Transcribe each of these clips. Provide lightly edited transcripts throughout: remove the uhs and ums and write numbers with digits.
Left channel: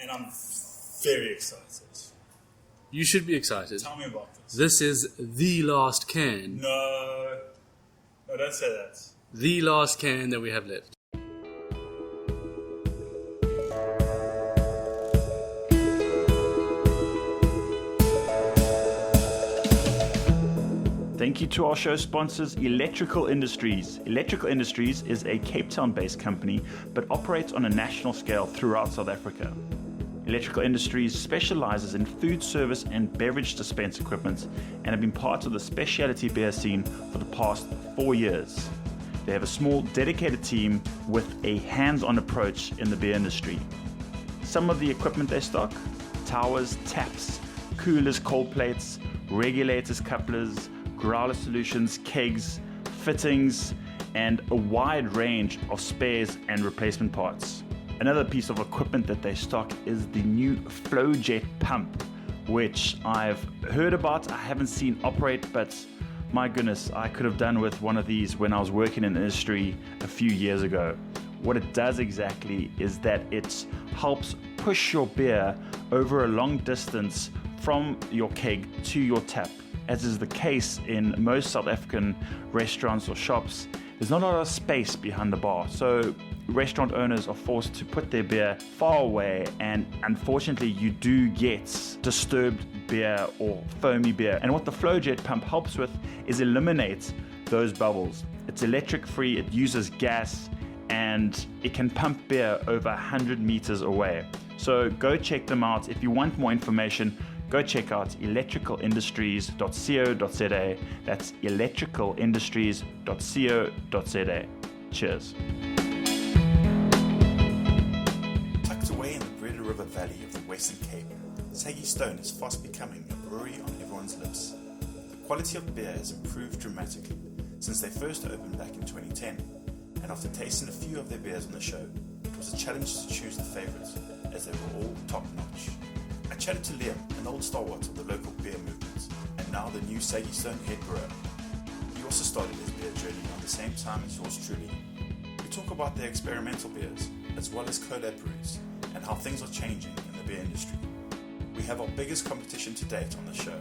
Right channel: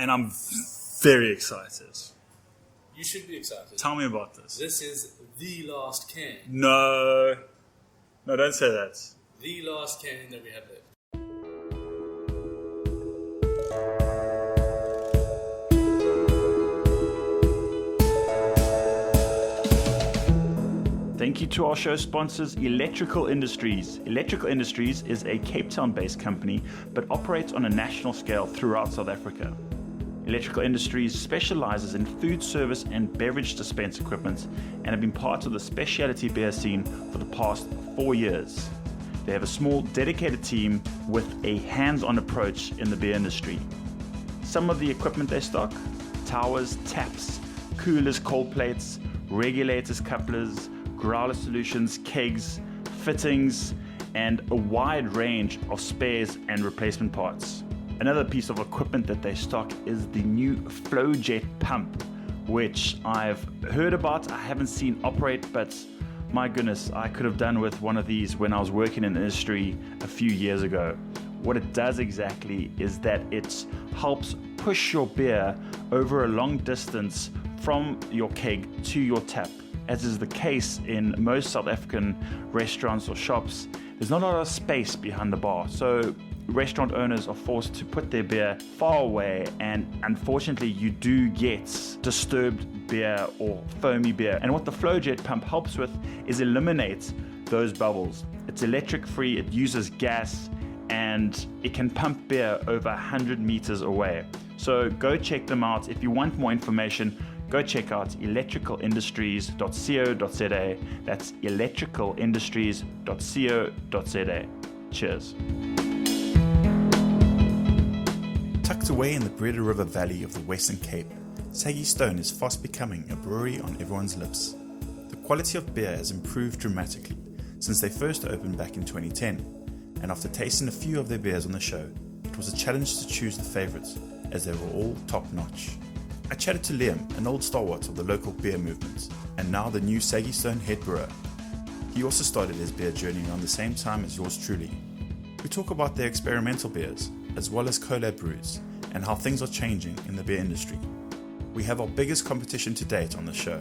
and I'm very excited. You should be excited. Tell me about this. This is the last can. No, don't say that. The last can that we have left. Thank you to our show sponsors, Electrical Industries. Electrical Industries is a Cape Town-based company, but operates on a national scale throughout South Africa. Electrical Industries specializes in food service and beverage dispense equipment and have been part of the specialty beer scene for the past 4 years. They have a small, dedicated team with a hands-on approach in the beer industry. Some of the equipment they stock: towers, taps, coolers, cold plates, regulators, couplers, growler solutions, kegs, fittings, and a wide range of spares and replacement parts. Another piece of equipment that they stock is the new FlowJet pump, which I've heard about. I haven't seen operate, but my goodness, I could have done with one of these when I was working in the industry a few years ago. What it does exactly is that it helps push your beer over a long distance from your keg to your tap. As is the case in most South African restaurants or shops, there's not a lot of space behind the bar, so restaurant owners are forced to put their beer far away, and unfortunately you do get disturbed beer or foamy beer. And what the FlowJet pump helps with is eliminate those bubbles. It's electric free, it uses gas, and it can pump beer over 100 meters away. So go check them out. If you want more information, go check out electricalindustries.co.za. That's electricalindustries.co.za. Cheers. Tucked away in the Breda River Valley of the Western Cape, Saggy Stone is fast becoming a brewery on everyone's lips. The quality of beer has improved dramatically since they first opened back in 2010, and after tasting a few of their beers on the show, it was a challenge to choose the favourites, as they were all top-notch. I chatted to Liam, an old stalwart of the local beer movement, and now the new Saggy Stone head brewer. He also started his beer journey around the same time as yours truly. We talk about their experimental beers, as well as collab brews, and how things are changing in the beer industry. We have our biggest competition to date on the show.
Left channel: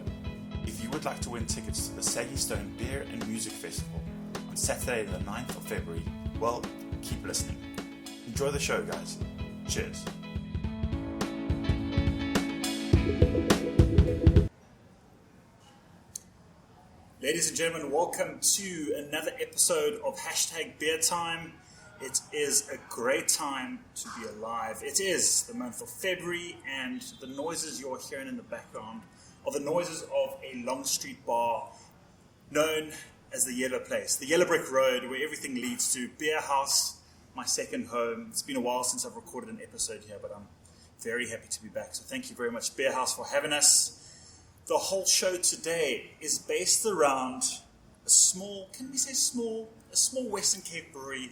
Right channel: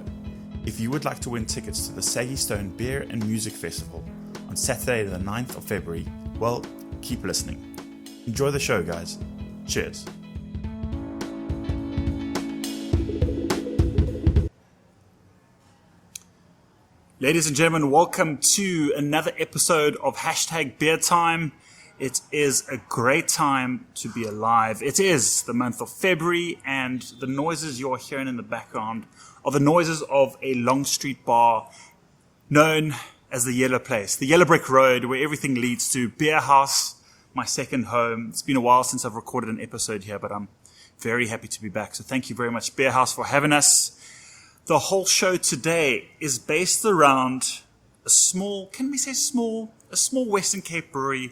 If you would like to win tickets to the Saggy Stone Beer and Music Festival on Saturday the 9th of February, well, keep listening. Enjoy the show, guys. Cheers. Ladies and gentlemen, welcome to another episode of Hashtag Beer Time. It is a great time to be alive. It is the month of February, and the noises you're hearing in the background are the noises of a Long Street bar known as the Yellow Place, the Yellow Brick Road, where everything leads to Beer House, my second home. It's been a while since I've recorded an episode here, but I'm very happy to be back. So thank you very much, Beer House, for having us. The whole show today is based around a small, can we say small? A small Western Cape brewery,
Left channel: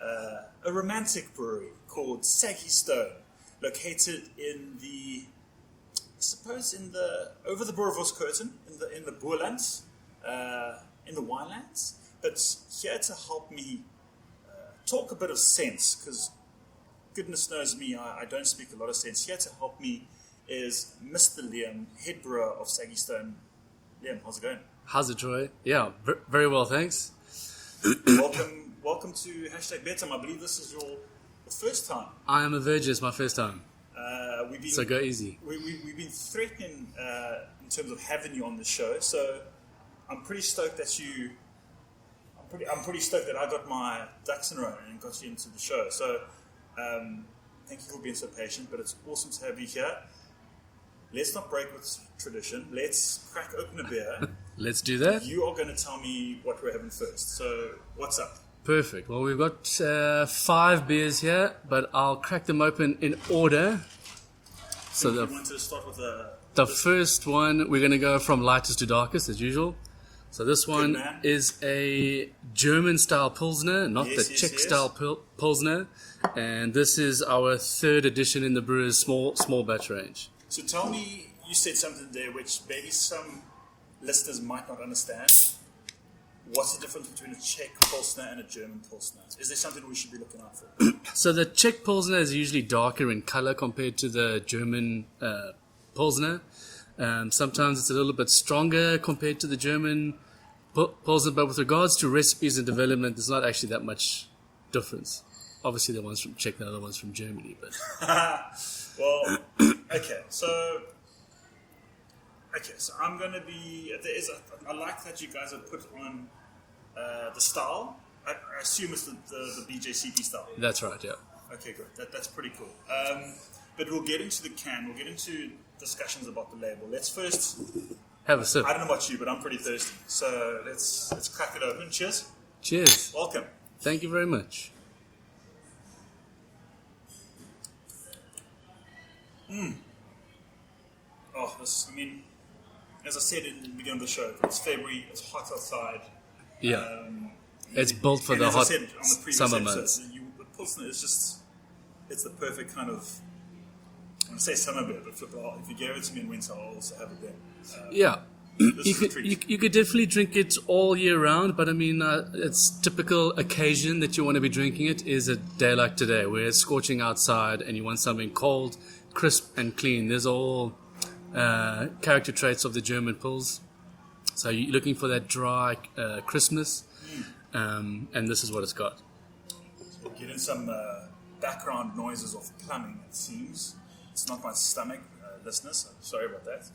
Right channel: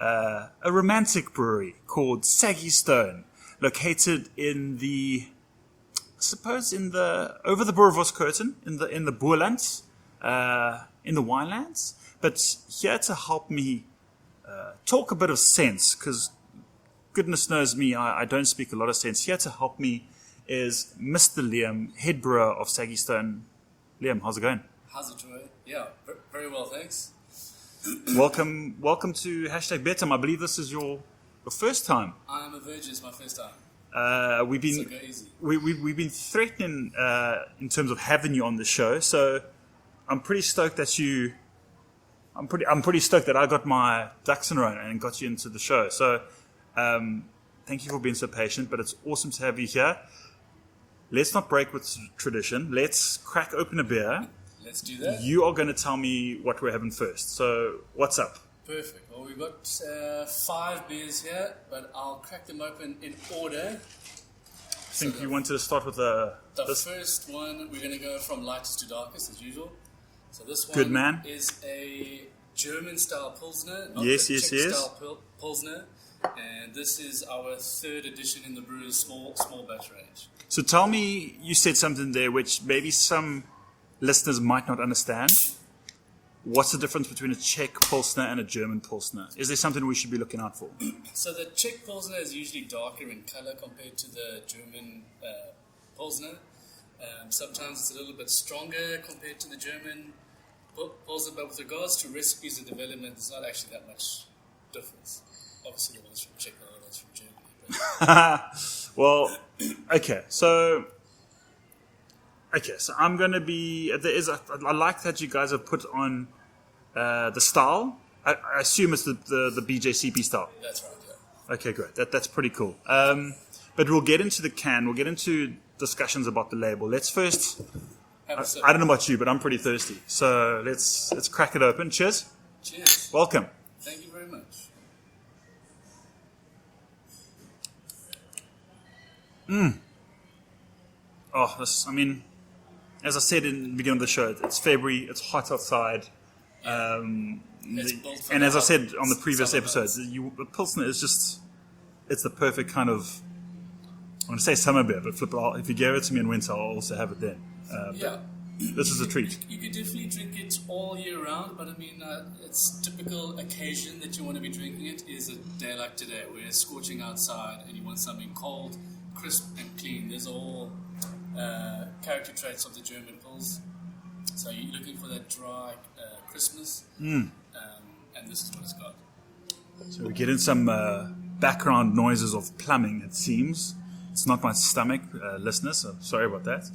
a romantic brewery called Saggy Stone, located in the, I suppose, over the Boerewors curtain, in the Boerlands, in the winelands. But here to help me talk a bit of sense, because goodness knows me, I don't speak a lot of sense. Here to help me is Mr. Liam, head brewer of Saggy Stone. Liam, how's it going? How's it, Troy? Yeah, very well, thanks. Welcome to Hashtag Beer Time. I believe this is your first time. I am a virgin. It's my first time. So go easy. We've been threatening in terms of having you on the show. So I'm pretty stoked that I'm pretty stoked that I got my ducks in a row and got you into the show. So thank you for being so patient. But it's awesome to have you here. Let's not break with tradition. Let's crack open a beer. Let's do that. You are going to tell me what we're having first. So what's up? Perfect. Well, we've got 5 beers here, but I'll crack them open in order. So you wanted to start with the first one. We're going to go from lightest to darkest, as usual. So this one is a German-style Pilsner, not the Czech-style Pilsner. And this is our 3rd edition in the brewer's small batch range. So tell me, you said something there which maybe some listeners might not understand. what's the difference between a Czech Pilsner and a German Pilsner? Is there something we should be looking out for? So the Czech Pilsner is usually darker in color compared to the German Pilsner. Sometimes it's a little bit stronger compared to the German Pilsner, but with regards to recipes and development, there's not actually that much difference. Obviously, the ones from Czech, the other ones from Germany. But well, okay, so I'm going to be. I like that you guys have put on the style. I assume it's the BJCP style. That's right, yeah. Okay, great. That's pretty cool. But we'll get into the can. We'll get into discussions about the label. Let's first have a sip. I don't know about you, but I'm pretty thirsty. So let's crack it open. Cheers. Cheers. Welcome. Thank you very much. Oh, as I said in the beginning of the show, it's February, it's hot outside. Yeah. It's built for and the as hot I said on the previous summer episodes, the Pilsner is just, it's the perfect kind of, I want to say summer beer, but if you gave it to me in winter, I'll also have it then. Yeah. This is a treat. You could definitely drink it all year round, but it's typical occasion that you want to be drinking it is a day like today, where it's scorching outside and you want something cold, crisp and clean. There's all character traits of the German Pils. So you're looking for that dry crispness, and this is what it's got. So we get in some background noises of plumbing, it seems. It's not my stomach, listeners, so sorry about that.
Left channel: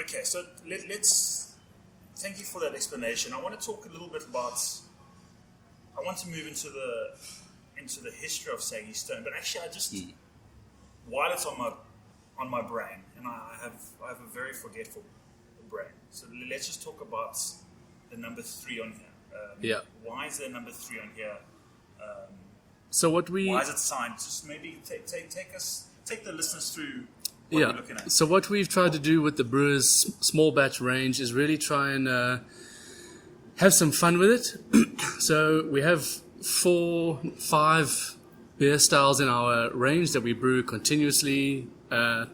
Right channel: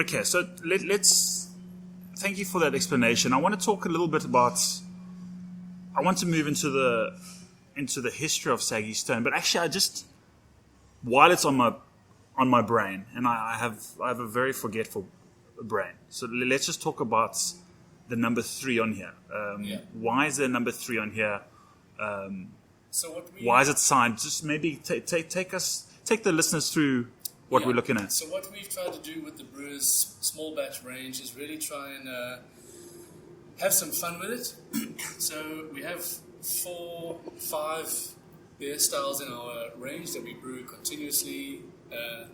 Okay, so let's... Thank you for that explanation. I want to talk a little bit about... I want to move into the history of Saggy Stone, but actually I just... While it's on my brain, and I have a very forgetful brain, so let's just talk about the number 3 on here. Why is there number 3 on here? Why is it signed? Just maybe take the listeners through what we're looking at. So what we've tried to do with the Brewers small batch range is really try and have some fun with it. So we have 4-5 beer styles in our range that we brew continuously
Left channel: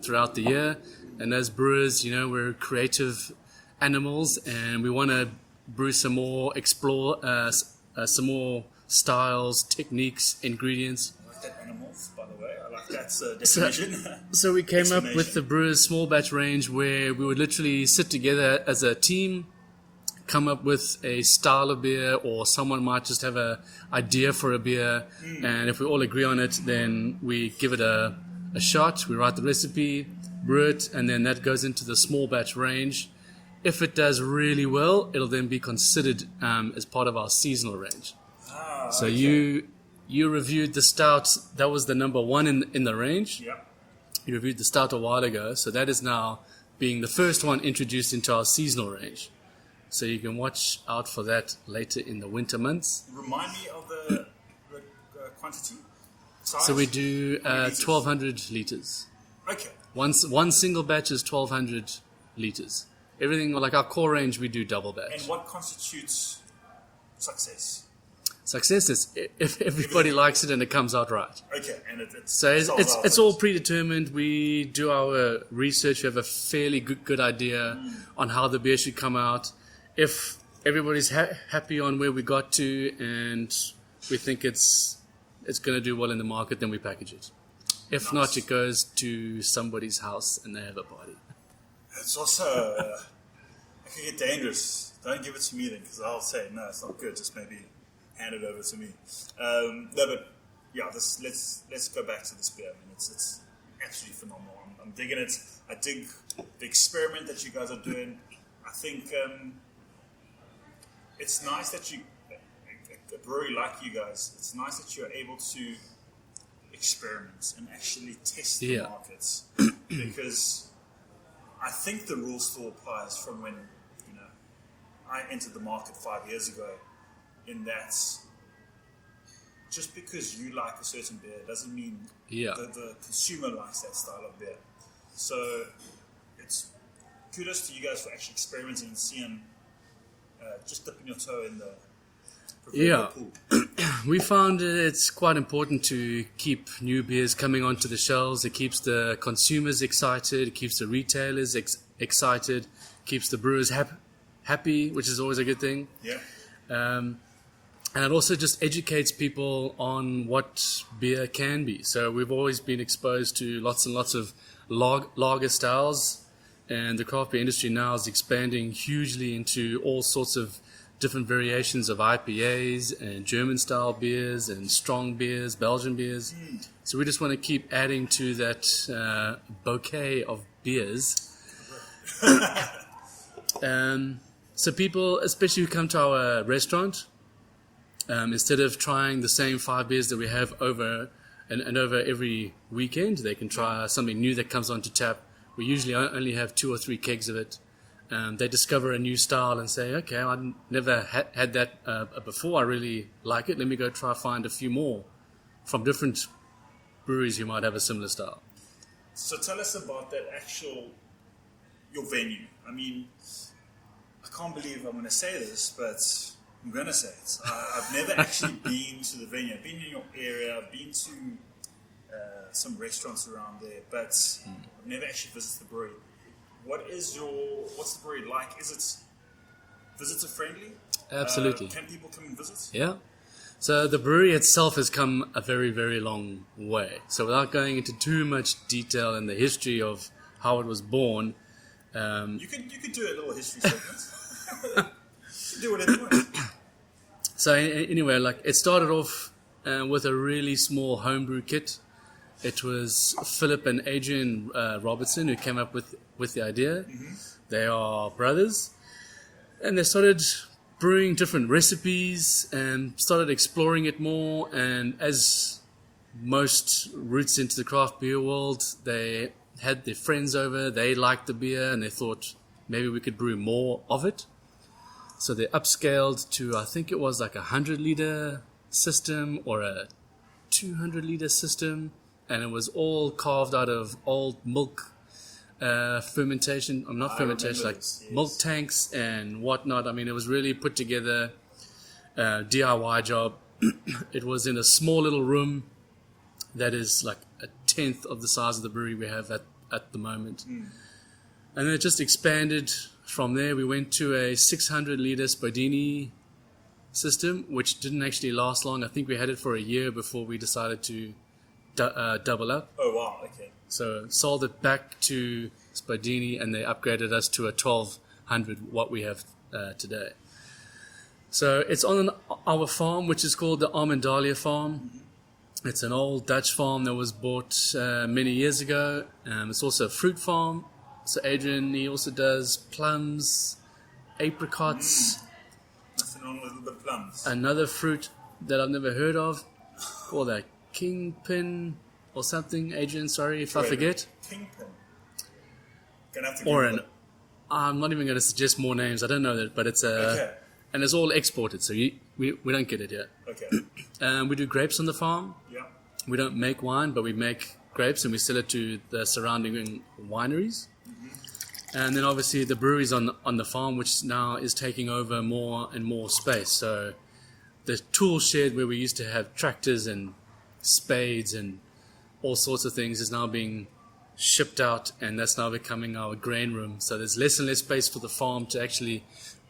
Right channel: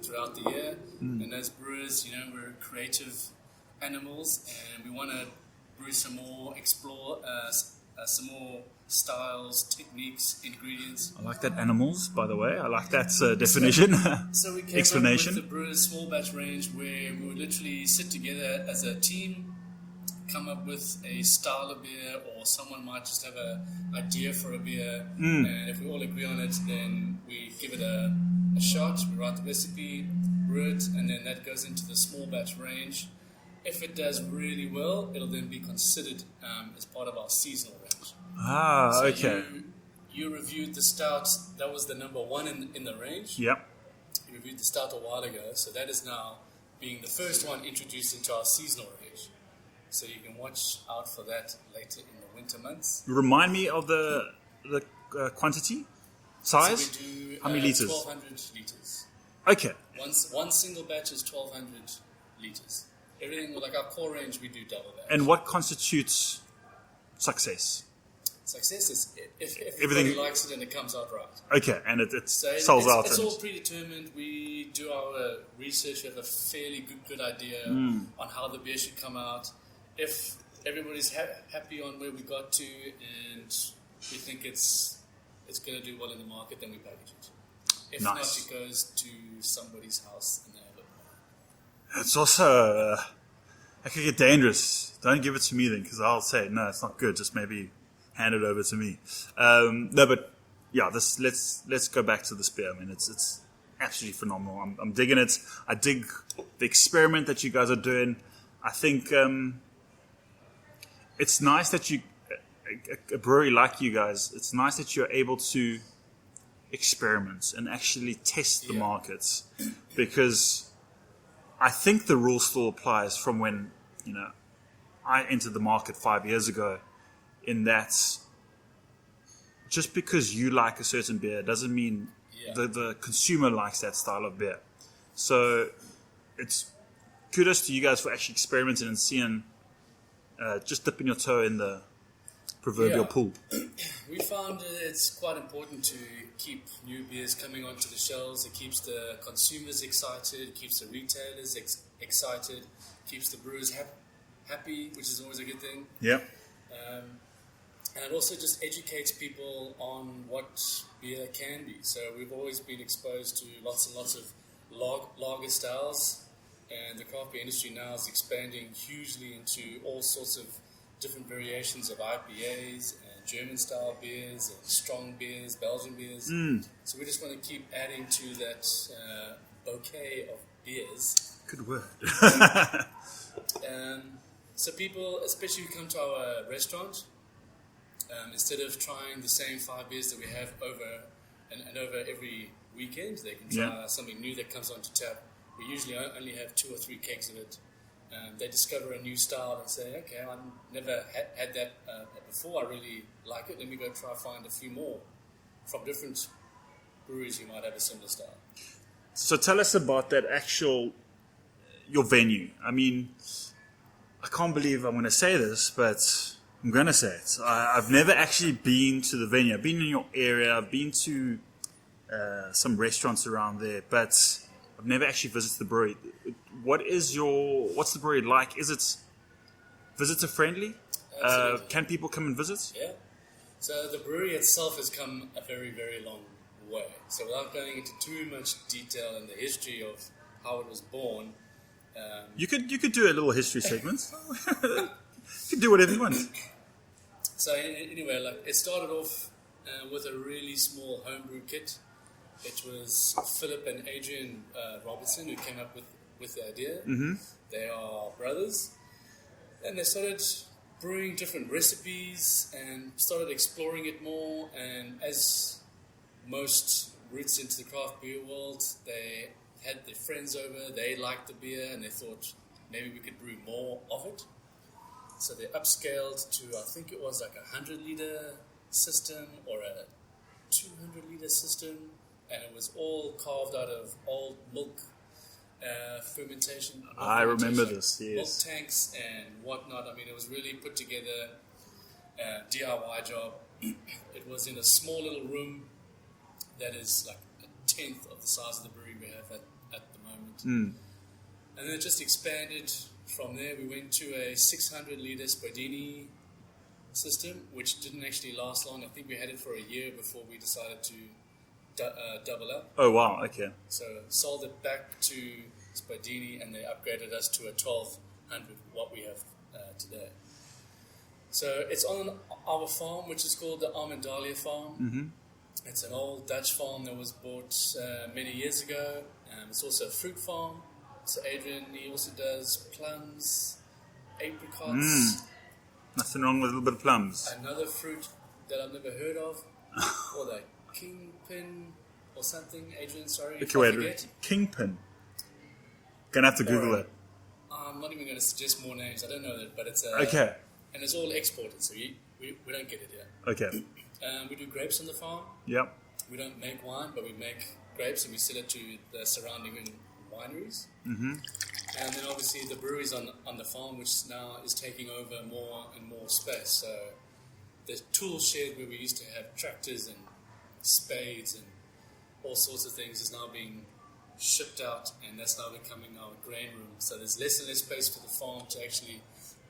throughout the year. And as brewers, we're creative animals, and we want to brew some more, explore some more styles, techniques, ingredients. I like that, animals, by the way. I like that definition. So we came up with the Brewers small batch range, where we would literally sit together as a team, come up with a style of beer, or someone might just have an idea for a beer, and if we all agree on it, then we give it a shot, we write the recipe, brew it, and then that goes into the small batch range. If it does really well, it'll then be considered as part of our seasonal range. So okay. You reviewed the stout. That was the number 1 in the range. Yep. You reviewed the stout a while ago, so that is now being the first one introduced into our seasonal range. So you can watch out for that later in the winter months. Remind me of the quantity, size. So we do 1,200 liters. Okay. One single batch is 1,200 liters. Everything like our core range, we do double batch. And what constitutes success? Success is if everybody likes it and it comes out right. Okay, and it so sells out. It's all predetermined. We do our research. We have a fairly good idea on how the beer should come out. If everybody's happy on where we got to and we think it's going to do well in the market, then we package it. If not, it goes to somebody's house and they have a party. It's also it could get dangerous. Don't give it to me then, because I'll say no, it's not good. Just maybe hand it over to me. No, but yeah, let's go back to this beer. I mean, it's absolutely phenomenal. I'm digging it. I dig the experiment that you guys are doing. I think it's nice that a brewery like you guys, it's nice that you're able to experiment and actually test the markets, because I think the rule still applies from when I entered the market 5 years ago, in that just because you like a certain beer doesn't mean the consumer likes that style of beer. So it's kudos to you guys for actually experimenting and seeing, just dipping your toe in the proverbial pool. We found it's quite important to keep new beers coming onto the shelves. It keeps the consumers excited, it keeps the retailers excited, keeps the brewers happy, which is always a good thing. Yeah. And it also just educates people on what beer can be. So we've always been exposed to lots and lots of lager styles, and the craft beer industry now is expanding hugely into all sorts of different variations of IPAs and German-style beers and strong beers, Belgian beers. So we just want to keep adding to that bouquet of beers. Good word. So people, especially who come to our restaurant, instead of trying the same 5 beers that we have over every weekend, they can try something new that comes onto tap. We usually only have 2 or 3 kegs of it. They discover a new style and say, okay, I never had that before. I really like it. Let me go try find a few more from different breweries who might have a similar style. So tell us about that your venue. I mean, I can't believe I'm going to say this, but I'm going to say it. I've never actually been to the venue. I've been in your area. I've been to some restaurants around there, but I've never actually visited the brewery. What's the brewery like? Is it visitor friendly? Absolutely. Can people come and visit? Yeah. So the brewery itself has come a very, very long way. So without going into too much detail in the history of how it was born, you could do a little history segment. You could do whatever you want. So anyway, like it started off with a really small homebrew kit. It was Philip and Adrian Robertson who came up with the idea. Mm-hmm. They are brothers, and they started brewing different recipes and started exploring it more. And as most roots into the craft beer world, they had their friends over. They liked the beer, and they thought maybe we could brew more of it. So they upscaled to, I think it was like a 100-liter system or a 200-liter system. And it was all carved out of old milk fermentation, or not fermentation, like milk tanks and whatnot. I mean, it was really put together DIY job. It was in a small little room that is like a 1/10 of the size of the brewery we have at the moment. And then it just expanded from there. We went to a 600-liter Spodini system, which didn't actually last long. I think we had it for a year before we decided to double up. Oh, wow, okay. So sold it back to Spodini, and they upgraded us to a 1200, what we have today. So it's on our farm, which is called the Armendalia Farm. Mm-hmm. It's an old Dutch farm that was bought many years ago. It's also a fruit farm. So Adrian, he also does plums, apricots. Nothing wrong with a little bit of plums. Another fruit that I've never heard of, or the kingpin or something. Adrian, sorry if I forget. Kingpin. Gonna have to Google it. I'm not even going to suggest more names. I don't know that, but it's okay. And it's all exported, so we don't get it here. Okay. We do grapes on the farm. Yep. We don't make wine, but we make grapes and we sell it to the surrounding wineries. Mm-hmm. And then obviously the brewery's on the farm, which now is taking over more and more space. So the tool shed where we used to have tractors and spades and all sorts of things is now being shipped out, and that's now becoming our grain room. So there's less and less space for the farm to actually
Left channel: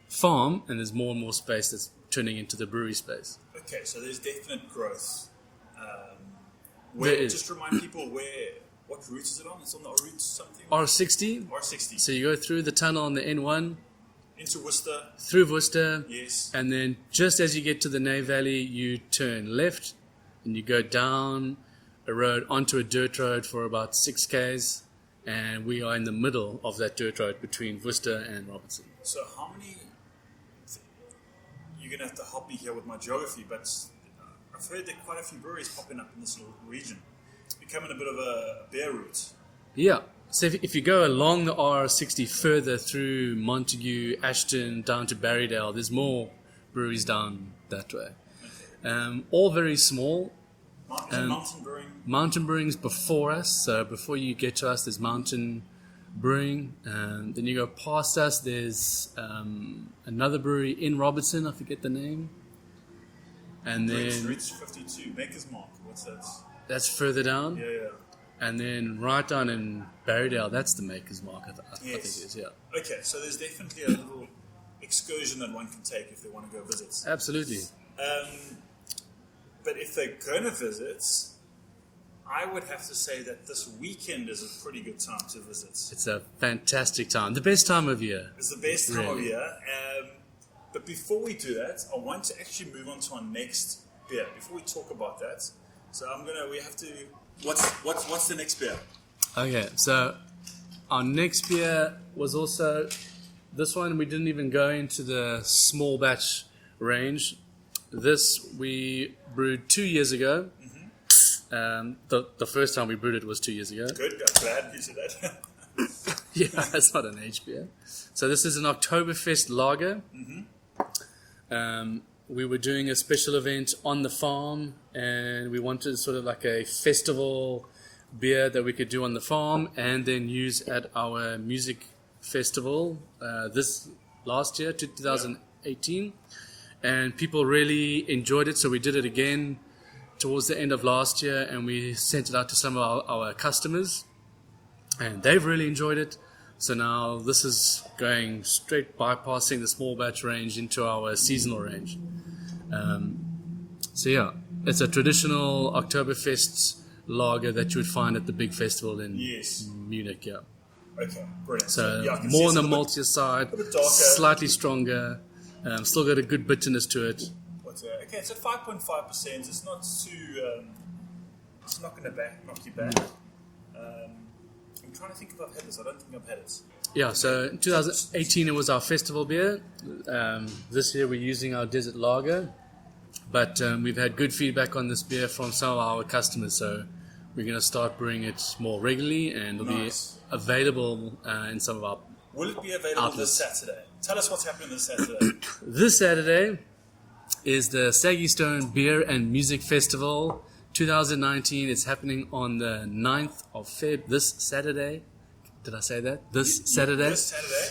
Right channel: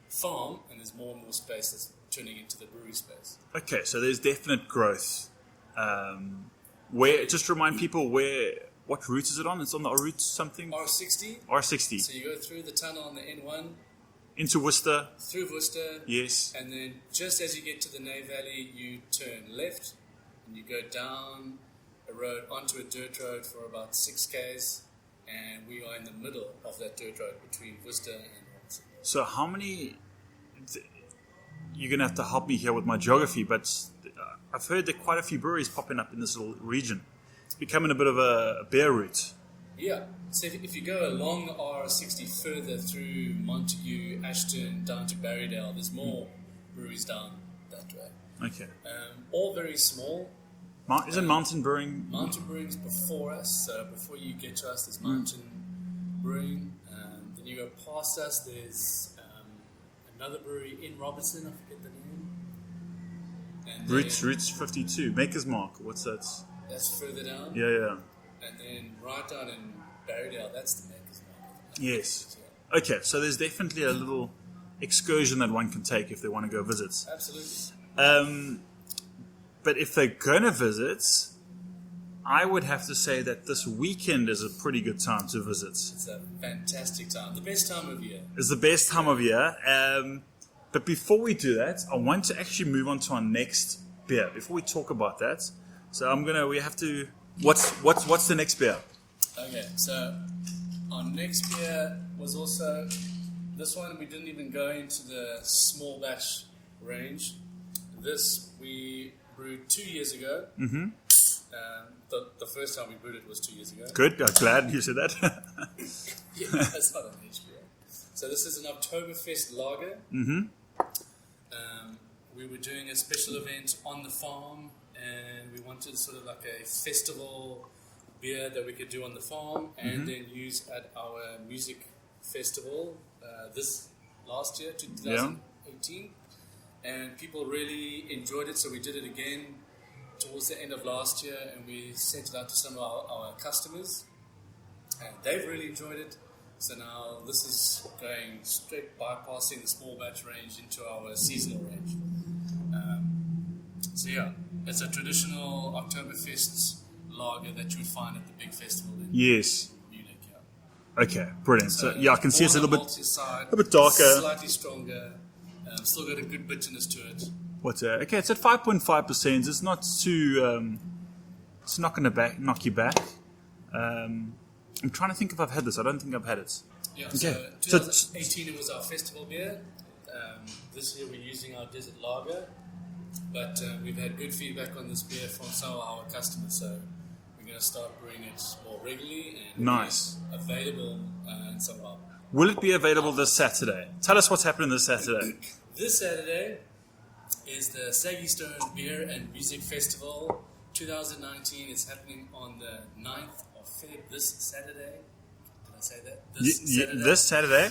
farm, and there's more and more space that's turning into the brewery space. Okay, so there's definite growth. Just remind people what route is it on? It's on the route something? R60. R60. So you go through the tunnel on the N1. Into Worcester. Through Worcester. Yes. And then just as you get to the Nay Valley, you turn left and you go down a road onto a dirt road for about 6 k's. And we are in the middle of that dirt road between Worcester and Robertson. So how many... You're going to have to help me here with my geography, but I've heard there are quite a few breweries popping up in this little region. It's becoming a bit of a beer route. Yeah. So if you go along the R60 further through Montague, Ashton, down to Barrydale, there's more breweries down that way. Okay. All very small. Isn't Mountain Brewing? Mountain Brewing's before us. So before you get to us, there's Mountain Brewing. Then you go past us, there's another brewery in Robertson. I forget the name. And then Roots 52. Maker's Mark. What's that? That's further down. Yeah. And then right down in Barrydale, that's the Maker's Mark. Yes. Yeah. Okay, so there's definitely a little excursion that one can take if they want to go visit. Absolutely. But if they're going to visit, I would have to say that this weekend is a pretty good time to visit. It's a fantastic time. The best time of year. It's the best time of year. But before we do that, I want to actually move on to our next beer. Before we talk about that, so we have to. What's the next beer? Okay, so our next beer was also this one. We didn't even go into the small batch range. This we brewed 2 years ago. Mm-hmm. The first time we brewed it was 2 years ago. Good. I'm glad you said that. Yeah, it's not an aged beer. So this is an Oktoberfest lager. Mm-hmm. We were doing a special event on the farm, and we wanted sort of like a festival beer that we could do on the farm and then use at our music festival this last year, 2018. And people really enjoyed it, so we did it again towards the end of last year, and we sent it out to some of our customers, and they've really enjoyed it. So now this is going straight bypassing the small batch range into our seasonal range. So yeah, it's a traditional Oktoberfest lager that you would find at the big festival in Munich. Yeah. Okay, brilliant. So yeah, I can more see on it's the maltier side, a bit darker, slightly stronger. Still got a good bitterness to it. Okay, it's at 5.5%. It's not too. It's not going to knock you back. I'm trying to think if I've had this. I don't think I've had it. Yeah, so in 2018 it was our festival beer. This year we're using our desert lager, but we've had good feedback on this beer from some of our customers. So we're going to start brewing it more regularly, and it'll be available in some of our. Will it be available this Saturday? Tell us what's happening this Saturday. This Saturday is the Saggy Stone Beer and Music Festival 2019. It's happening on the 9th of Feb, this Saturday. Did I say that? Saturday? This Saturday.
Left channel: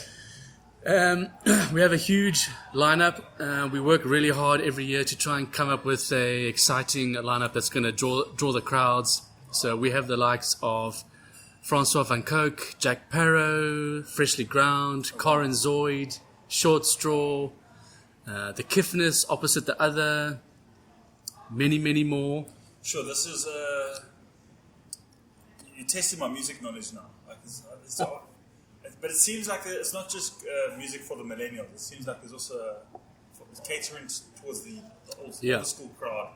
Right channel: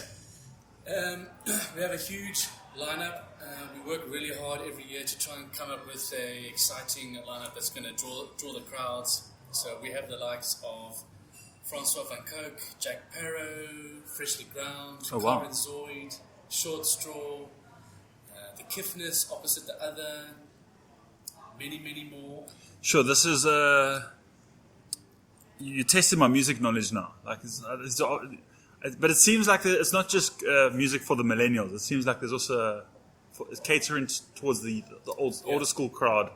We have a huge lineup. We work really hard every year to try and come up with a exciting lineup that's going to draw the crowds. So we have the likes of Francois Van Coke, Jack Parrow, Freshly Ground, Corin Zoid, Short Straw, the Kiffness opposite the other, many, many more. Sure, this is you're testing my music knowledge now. But it seems like it's not just music for the millennials. It seems like there's also it's catering towards the older school crowd,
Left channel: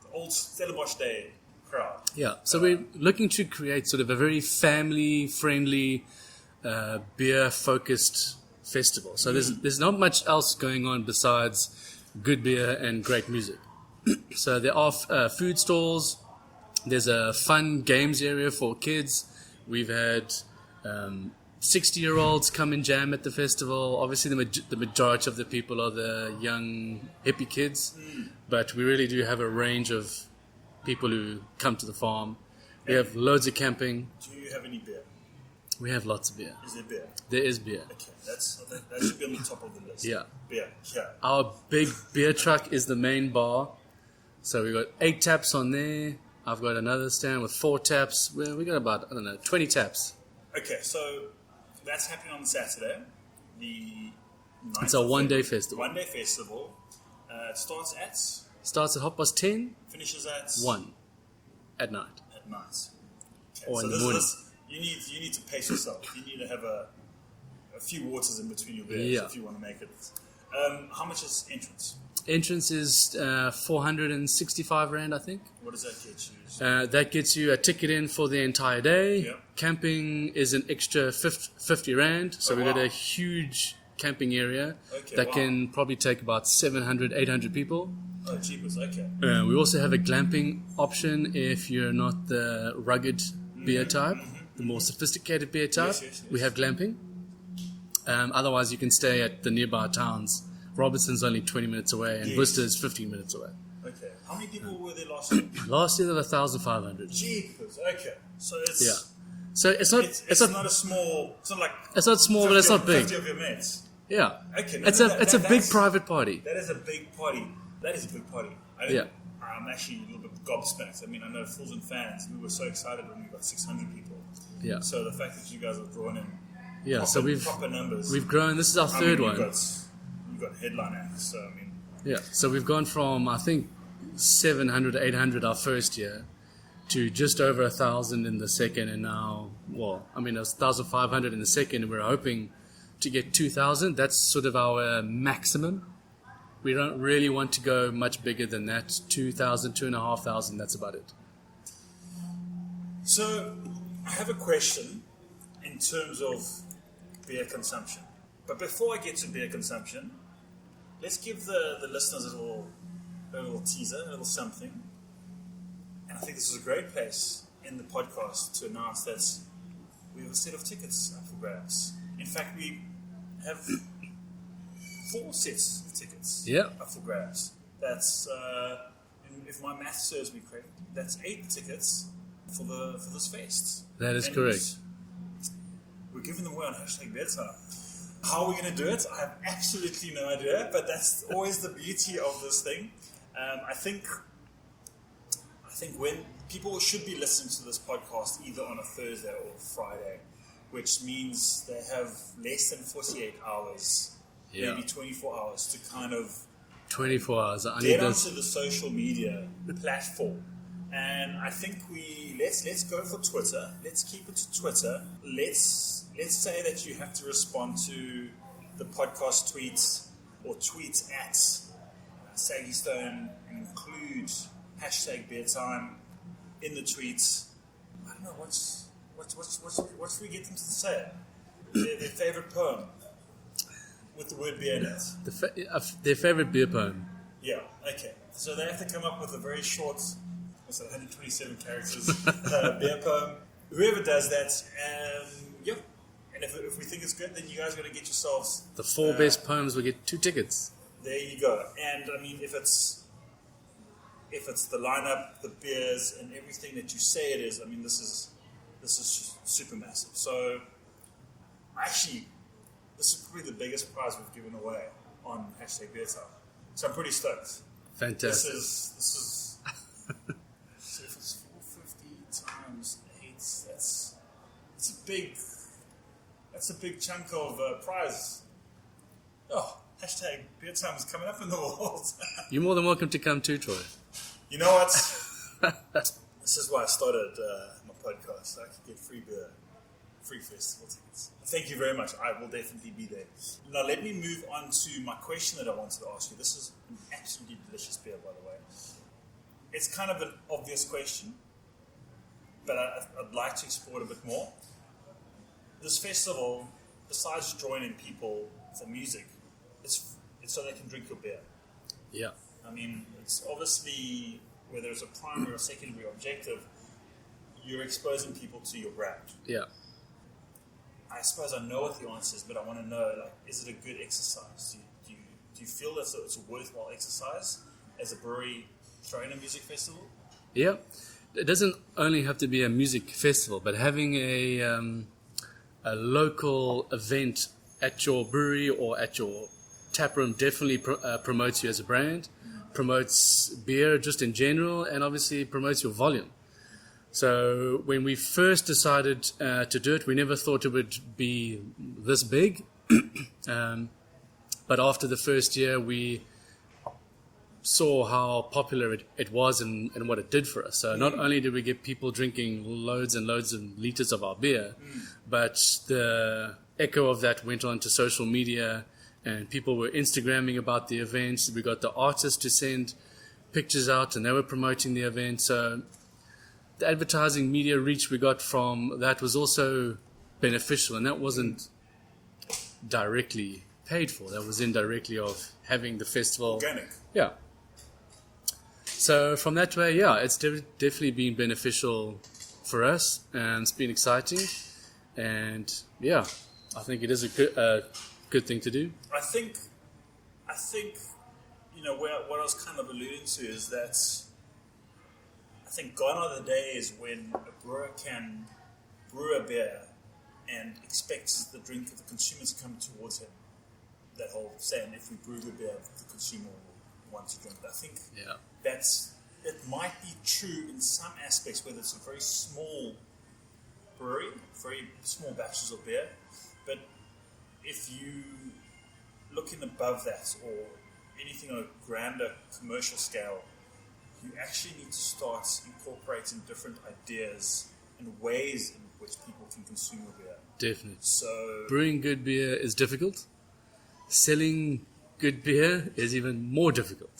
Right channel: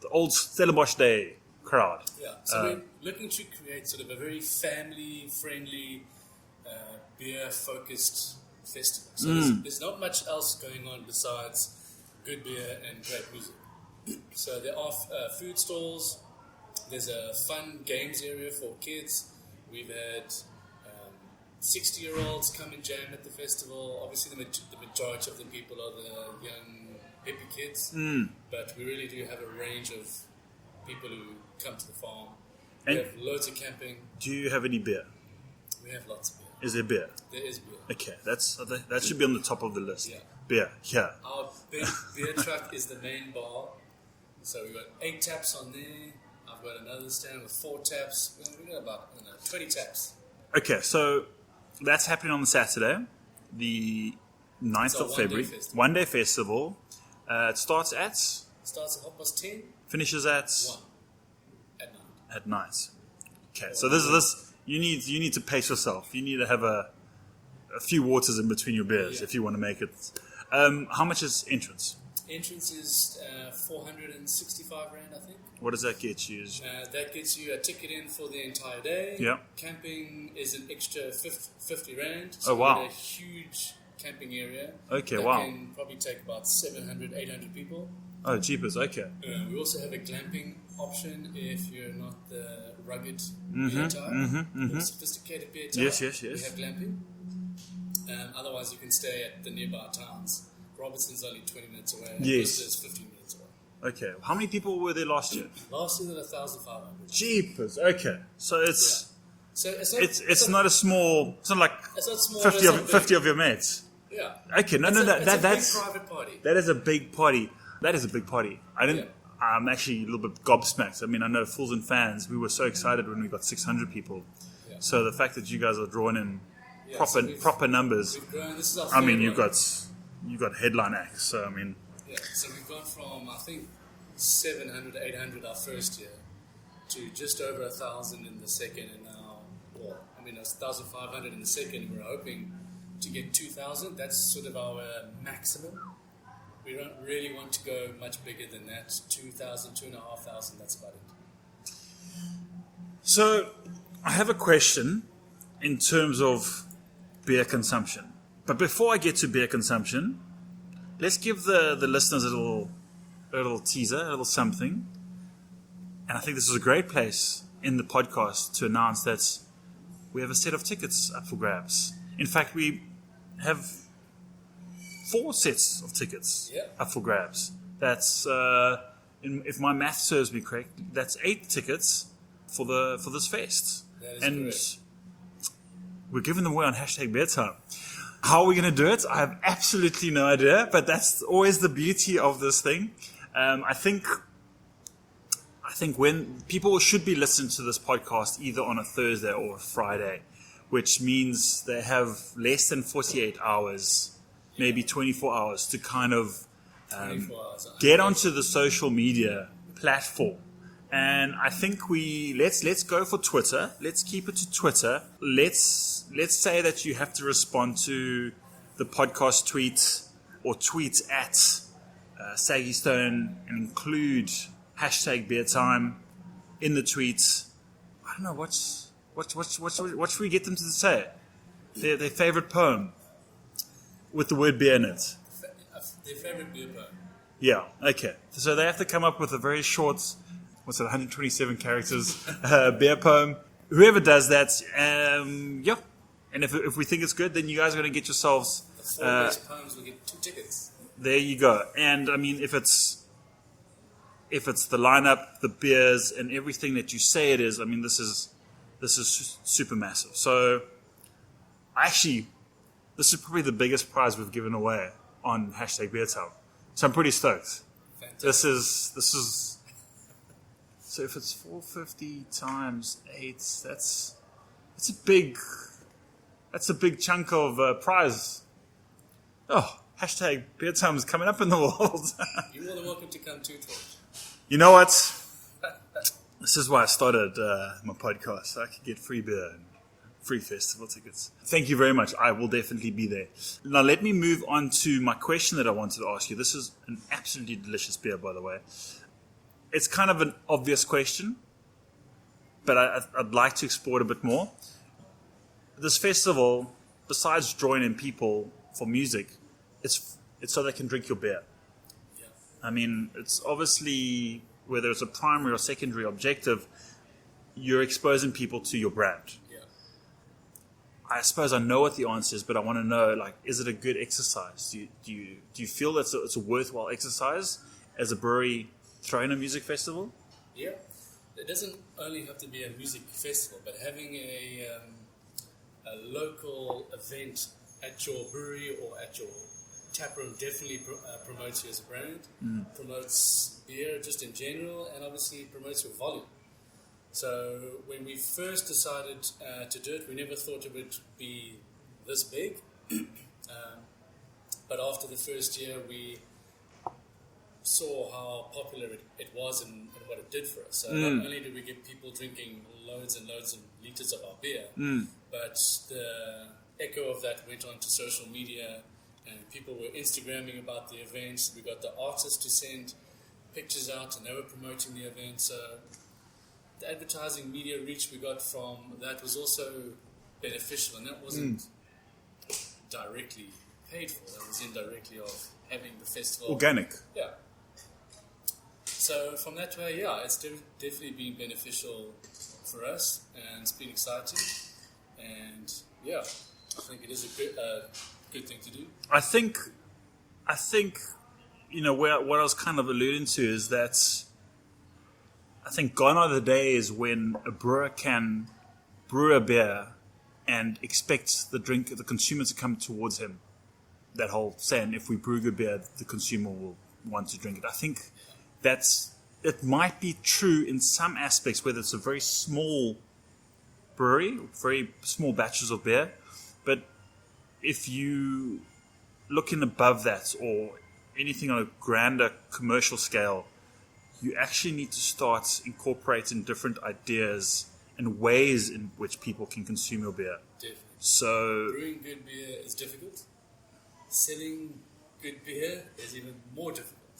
the old Stellenbosch Day crowd. Yeah, so we're looking to create sort of a very family-friendly, beer-focused festival. So there's not much else going on besides good beer and great music. So there are food stalls. There's a fun games area for kids. We've had 60-year-olds come and jam at the festival. Obviously, the majority of the people are the young hippie kids, but we really do have a range of people who come to the farm. We have loads of camping. Do you have any beer? We have lots of beer. Is there beer? There is beer. Okay, that should be on the top of the list. Yeah. Beer, yeah. Our big beer truck is the main bar. So we've got 8 taps on there. I've got another stand with 4 taps. We got about, 20 taps. Okay, so that's happening on the Saturday, the 9th It's a one-day festival. One-day festival. It starts at? Starts at 10:30. Finishes at? 1 at night. At night. Okay, so this you need to pace yourself. You need to have a few waters in between your beers if you want to make it. How much is entrance? Entrance is 465 Rand, I think. What does that get you? That gets you a ticket in for the entire day. Yep. Camping is an extra 50 Rand. So we've got a huge camping area that can probably take about 700, 800 people. Oh, cheapest, okay. We also have a glamping option if you're not the rugged beer type, the more sophisticated beer type. Yes. We have glamping. Otherwise, you can stay at the nearby towns. Robertson's only 20 minutes away, and Worcester is 15 minutes away. Okay. How many people were there last year? Last year there were 1,500. Jeepers. Okay. So it's... Yeah. So it's not... It's not a small... It's not like... It's not small, but it's not big. 50 of your mates. Yeah. Okay. It's a big private party. That is a big party. I'm actually a little bit gobsmacked. I mean, I know Fools and Fans, we were so excited when we got 600 people. Yeah. So the fact that you guys are drawing in proper numbers. We've grown. This is our third one. you got headline acts. So, I mean... Yeah, so we've gone from, I think, 700, 800 our first year to just over 1,000 in the second, and now, well, I mean, 1,500 in the second, and we're hoping to get 2,000. That's sort of our maximum. We don't really want to go much bigger than that. 2,000, 2,500, that's about it. So, I have a question in terms of beer consumption. But before I get to beer consumption, let's give the listeners a little teaser, a little something. And I think this is a great place in the podcast to announce that we have a set of tickets up for grabs. In fact, we have 4 sets of tickets up for grabs. That's, if my math serves me correct, that's 8 tickets for this fest. That is correct. We're giving them away on #BeerTime. How are we going to do it? I have absolutely no idea, but that's always the beauty of this thing. I think when people should be listening to this podcast either on a Thursday or a Friday, which means they have less than 48 hours, maybe 24 hours to kind of 24 hours. Get onto the social media platform. And I think let's go for Twitter. Let's keep it to Twitter. Let's say that you have to respond to the podcast tweets or tweets at Saggy Stone and include #BeerTime in the tweets. I don't know what should we get them to say? Their favorite poem with the word beer in it. Their favorite beer poem. Yeah. Okay. So they have to come up with a very short. 127 characters beer poem. Whoever does that, and if we think it's good, then you guys are going to get yourselves the 4 best poems will get 2 tickets. There you go. And I mean, if it's the lineup, the beers, and everything that you say it is, I mean, this is super massive. So actually, this is probably the biggest prize we've given away on #BeerTime. So I'm pretty stoked. Fantastic. This is. So if it's 450 times 8, that's a big chunk of prize. Oh, #BeerTime is coming up in the world. You're more than welcome to come too, Troy. You know what? This is why I started my podcast, so I could get free beer and free festival tickets. Thank you very much. I will definitely be there. Now let me move on to my question that I wanted to ask you. This is an absolutely delicious beer, by the way. It's kind of an obvious question, but I'd like to explore it a bit more. This festival, besides drawing in people for music, it's so they can drink your beer. Yeah. I mean, it's obviously, whether it's a primary or secondary objective, you're exposing people to your brand. Yeah. I suppose I know what the answer is, but I want to know, like, is it a good exercise? Do you feel that it's a worthwhile exercise as a brewery throwing a music festival? Yeah, it doesn't only have to be a music festival, but having a local event at your brewery or at your tap room definitely promotes you as a brand, promotes beer just in general, and obviously promotes your volume. So when we first decided to do it, we never thought it would be this big. But after the first year, we saw how popular it was and what it did for us. So not only did we get people drinking loads and loads of liters of our beer, but the echo of that went on to social media, and people were Instagramming about the events. We got the artists to send pictures out, and they were promoting the event. So the advertising media reach we got from that was also beneficial, and that wasn't directly paid for. That was indirectly of having the festival. Organic. Yeah. So from that way, yeah, it's definitely been beneficial for us, and it's been exciting, and yeah, I think it is a good thing to do. I think, what I was kind of alluding to is that I think gone are the days when a brewer can brew a beer and expect the consumer to come towards him. That whole saying, if we brew good beer, the consumer will want to drink it. I think it might be true in some aspects, whether it's a very small brewery, very small batches of beer, but if you looking above that or anything on a grander commercial scale, you actually need to start incorporating different ideas and ways in which people can consume your beer. Definitely. So brewing good beer is difficult. Selling good beer is even more difficult.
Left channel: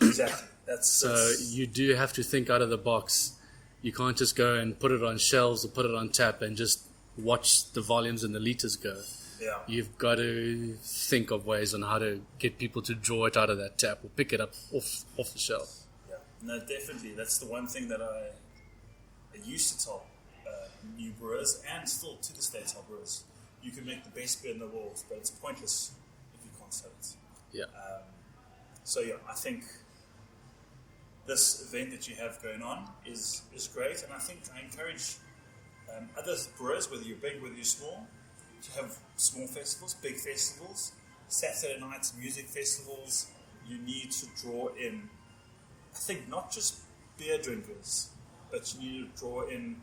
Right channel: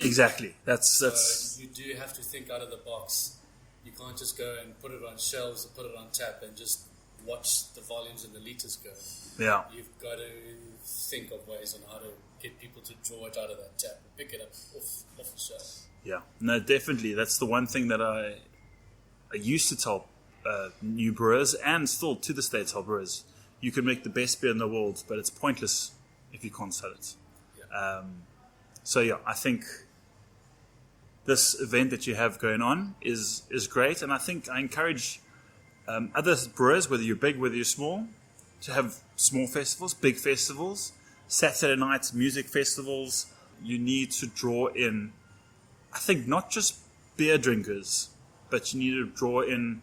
Exactly. So you do have to think out of the box. You can't just go and put it on shelves or put it on tap and just watch the volumes and the liters go. Yeah. You've got to think of ways on how to get people to draw it out of that tap or pick it up off the shelf. Yeah. No, definitely. That's the one thing that I used to tell new brewers, and still to this day tell brewers, you can make the best beer in the world, but it's pointless if you can't sell it. Yeah. So yeah, I think this event that you have going on is great, and I think I encourage other brewers, whether you're big, whether you're small, to have small festivals, big festivals, Saturday nights, music festivals. You need to draw in, I think, not just beer drinkers, but you need to draw in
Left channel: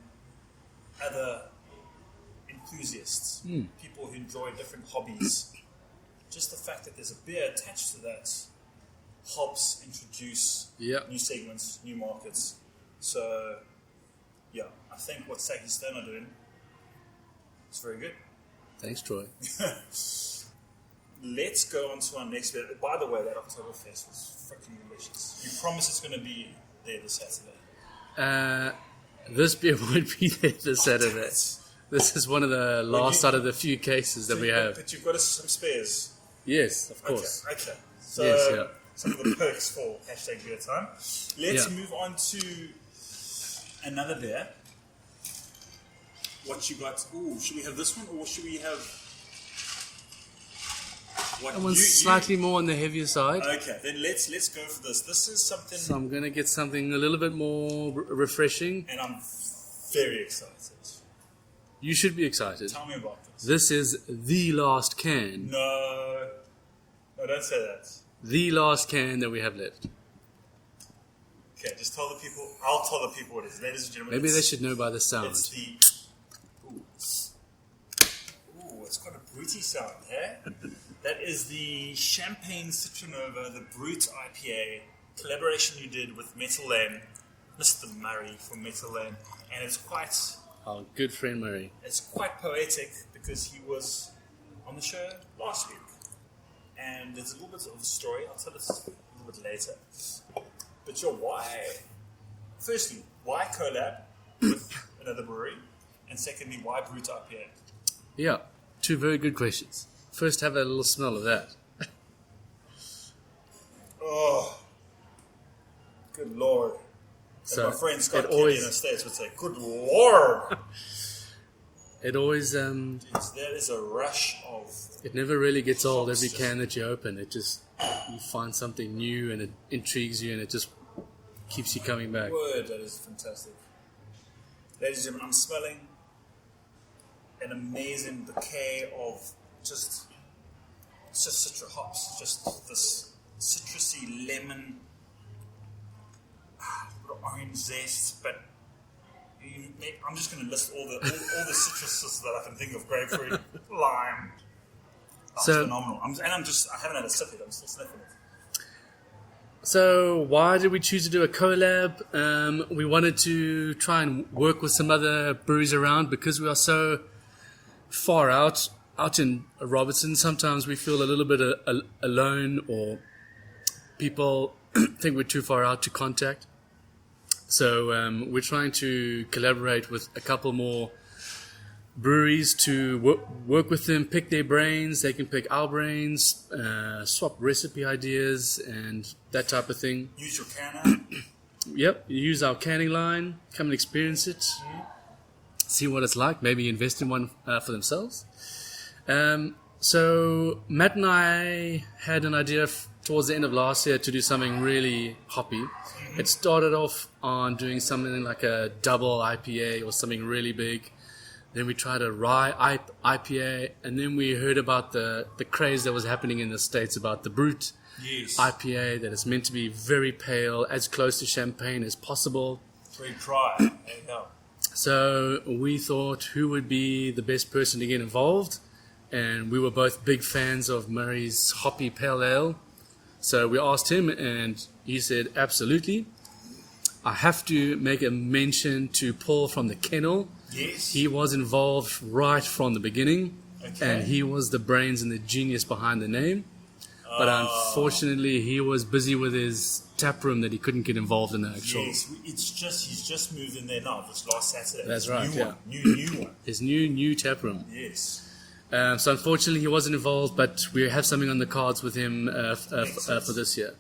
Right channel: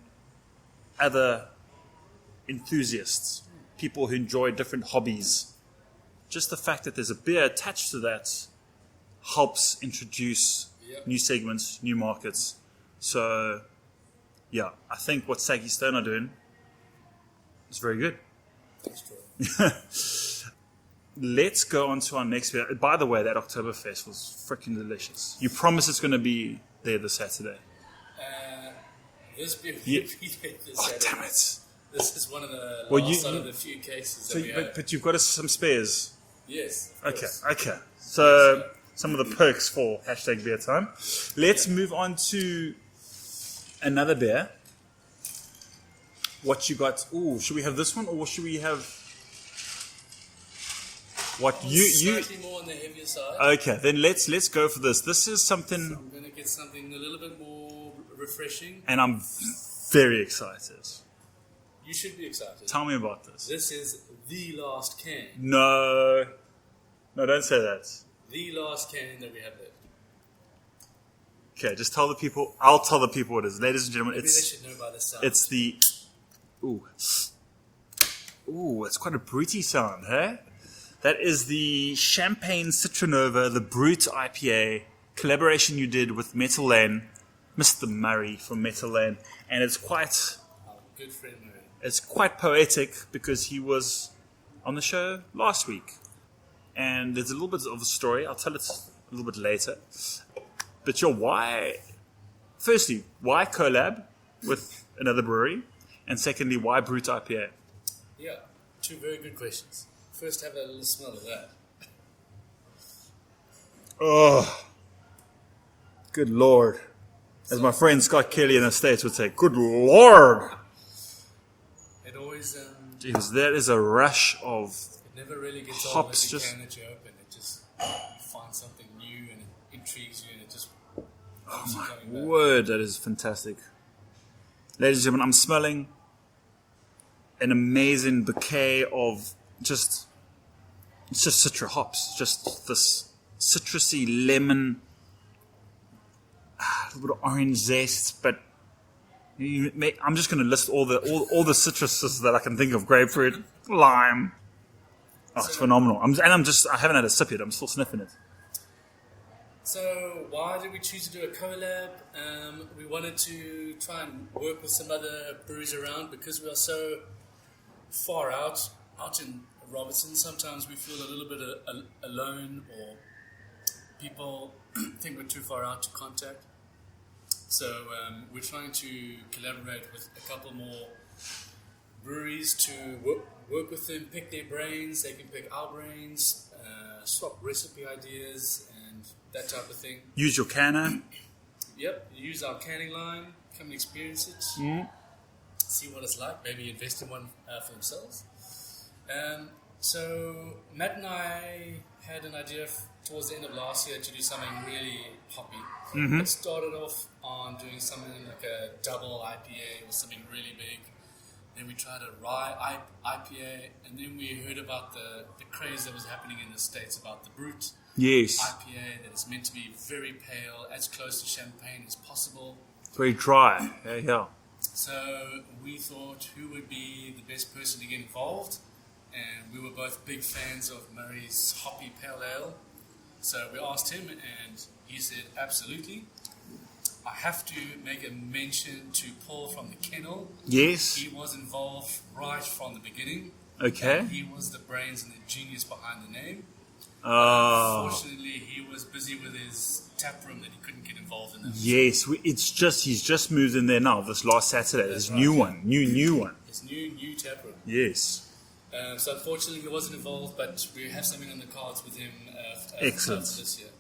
other enthusiasts, people who enjoy different hobbies. Just the fact that there's a beer attached to that helps introduce new segments, new markets. So, yeah, I think what Saggy Stone are doing is very good. Thanks, Troy. Let's go on to our next beer. By the way, that Oktoberfest was freaking delicious. You promise it's going to be there this Saturday? This beer won't be there this Saturday. This is one of the last out of the few cases that we have. But you've got some spares. Yes, of course. Okay. So some of the perks for hashtag beer time. Let's move on to another beer. What you got? Ooh, should we have this one or should we have what slightly more on the heavier side? Okay, then let's go for this. This is something. So I'm gonna get something a little bit more refreshing, and I'm very excited. You should be excited. Tell me about this. This is the last can. No, don't say that. The last can that we have left. Okay, just tell the people. I'll tell the people what it is, ladies and gentlemen. Maybe they should know by the sound. It's the. Ooh, it's quite a bruty sound, hey? That is the Champagne Citronova, the Brut IPA collaboration you did with Metal Lane, Mr. Murray from Metal Lane, and it's quite. Our good friend Murray. It's quite poetic because he was on the show last week, and there's a little bit of a story. I'll tell it a little bit later. But why? Firstly, why collab with another brewery? And secondly, why Brut IPA? Yeah, two very good questions. First, have a little smell of that. Oh, good Lord. As my friend Scott Kelly in the States would say, good Lord. It always... Jeez, that is a rush of... It never really gets old every can that you open. It just... You find something new and it intrigues you and it just keeps you coming back. Word, that is fantastic. Ladies and gentlemen, I'm smelling an amazing bouquet of it's just citra hops, just this citrusy lemon, a little bit of orange zest, but I'm just going to list all the citruses that I can think of: grapefruit, lime. It's phenomenal. I haven't had a sip yet. I'm still sniffing it. So why did we choose to do a collab? We wanted to try and work with some other breweries around because we are so far out in Robertson. Sometimes we feel a little bit alone, or people think we're too far out to contact. So we're trying to collaborate with a couple more breweries to work with them, pick their brains. They can pick our brains, swap recipe ideas and that type of thing. Use your canner. Yep, use our canning line. Come and experience it. See what it's like. Maybe invest in one for themselves. So Matt and I had an idea towards the end of last year to do something really hoppy. Mm-hmm. It started off on doing something like a double IPA or something really big. Then we tried a rye IPA, and then we heard about the craze that was happening in the States about the Brut IPA that is meant to be very pale, as close to champagne as possible. Very dry. There you go. So we thought, who would be the best person to get involved? and we were both big fans of Murray's Hoppy Pale Ale. So we asked him, and he said, absolutely. I have to make a mention to Paul from the Kennel. Yes. He was involved right from the beginning. Okay. And he was the brains and the genius behind the name. But unfortunately, he was busy with his tap room that he couldn't get involved in. Yes, he's just moved in there now. This last Saturday, That's this right, new yeah. one, new one. His new tap room. Yes. So unfortunately, he wasn't involved, but we have something on the cards with him for this year.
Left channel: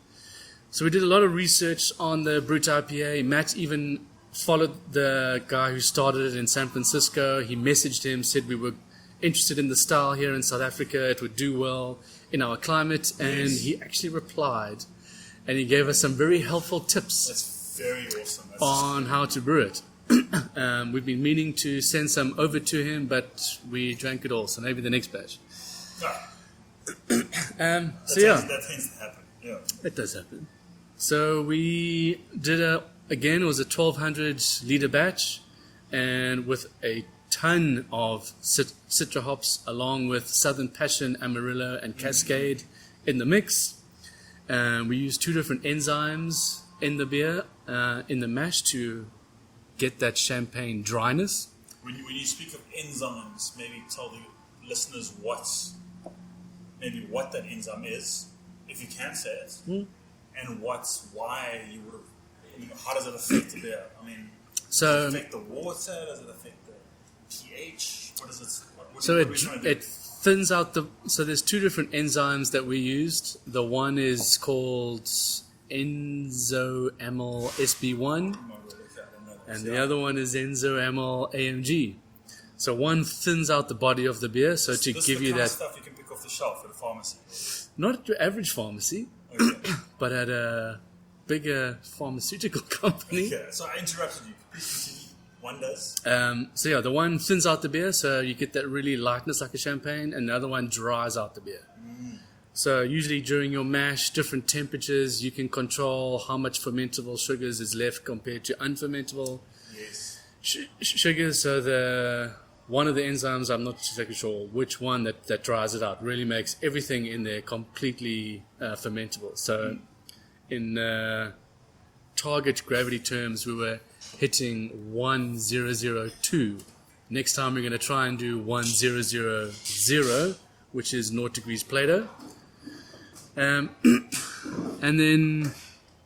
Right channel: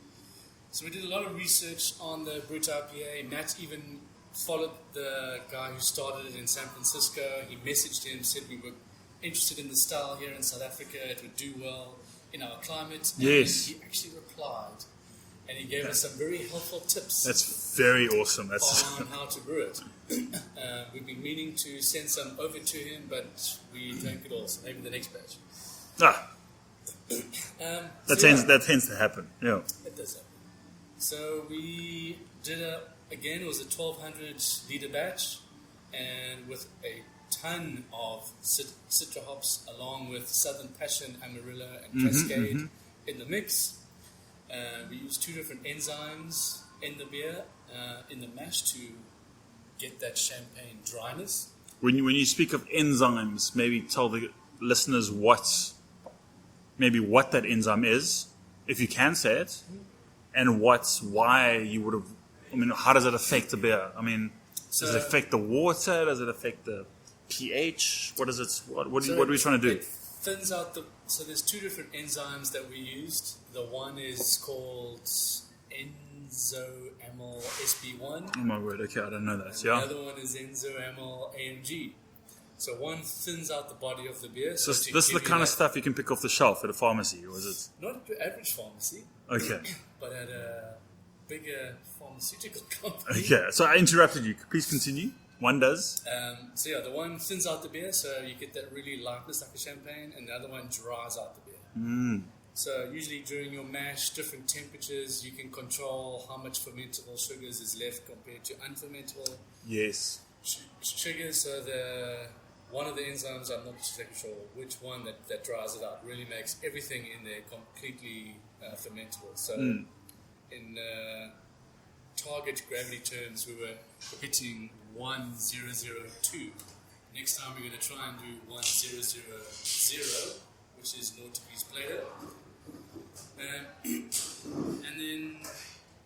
So we did a lot of research on the Brut IPA. Matt even followed the guy who started it in San Francisco. He messaged him, said we were interested in the style here in South Africa. It would do well in our climate. And he actually replied, and he gave us some very helpful tips. That's very awesome. On how to brew it. We've been meaning to send some over to him, but we drank it all, so maybe the next batch. That tends to happen. Yeah, it does happen. So we did it was a 1,200 liter batch, and with a ton of Citra hops, along with Southern Passion, Amarillo, and Cascade in the mix. We used 2 different enzymes in the beer, in the mash, to get that champagne dryness. When you speak of enzymes, maybe tell the listeners what that enzyme is, if you can say it, and why you would have. I mean, how does it affect the beer? I mean, does it affect the water? Does it affect the pH? What is it? What are we trying to do? It thins out So there's 2 different enzymes that we used. The one is called enzoamyl SB1. Oh my word, okay, I don't know that. And the other one is enzoamyl AMG. So one thins out the body of the beer. So this is the kind of stuff you can pick off the shelf at a pharmacy, or is it? Not at your average pharmacy. Okay. But at a bigger pharmaceutical company. Okay, so I interrupted you. Please continue. One does. The one thins out the beer, so you get that really lightness like a champagne, and the other one dries out the beer. So usually during your mash, different temperatures, you can control how much fermentable sugars is left compared to unfermentable sugars. So one of the enzymes, I'm not exactly sure which one that dries it out, really makes everything in there completely fermentable. So in target gravity terms, we were hitting 1002. Next time we're going to try and do 1000, which is 0 degrees Plato. And then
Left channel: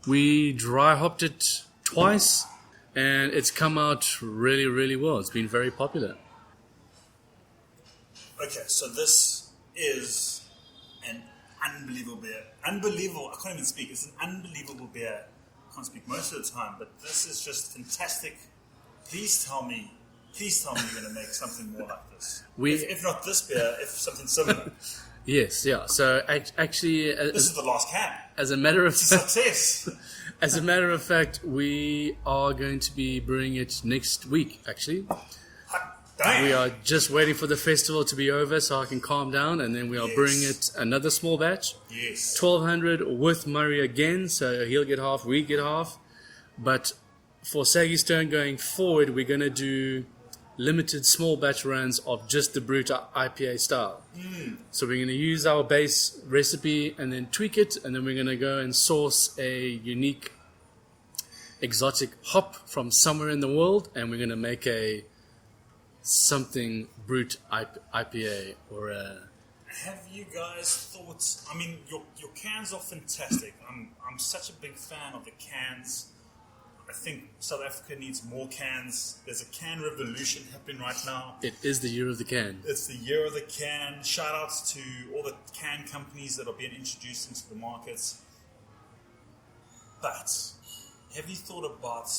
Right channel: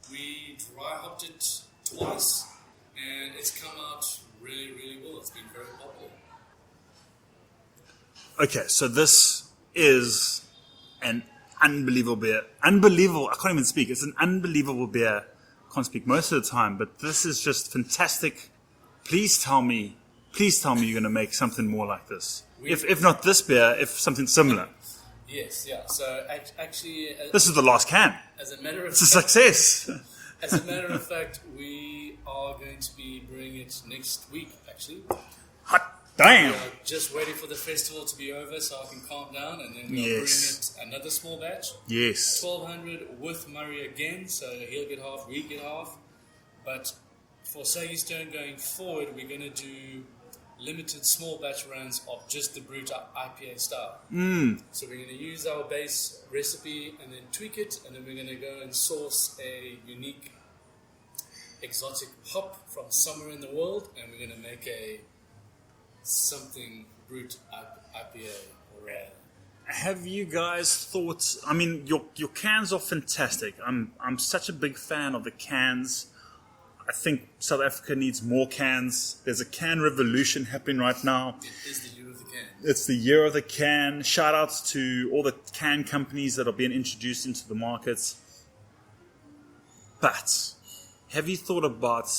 we dry hopped it twice, and it's come out really, really well. It's been very popular. Okay, so this is an unbelievable beer. Unbelievable. I can't even speak. It's an unbelievable beer. I can't speak most of the time, but this is just fantastic. Please tell me you're going to make something more like this. If not this beer, if something similar. Yes, yeah. So actually, this is the last can. As a matter of it's a success. As a matter of fact, we are going to be brewing it next week. Actually, damn. We are just waiting for the festival to be over so I can calm down, and then we'll bring it another small batch. Yes, 1,200 with Murray again, so he'll get half, we get half. But for Saggy Stone going forward, we're going to do limited small batch runs of just the Brut IPA style. So we're going to use our base recipe and then tweak it, and then we're going to go and source a unique exotic hop from somewhere in the world, and we're going to make something Brut IPA or a... Have you guys thought? I mean, your cans are fantastic. I'm such a big fan of the cans. I think South Africa needs more cans. There's a can revolution happening right now. It is the year of the can. It's the year of the can. Shout outs to all the can companies that are being introduced into the markets. But have you thought about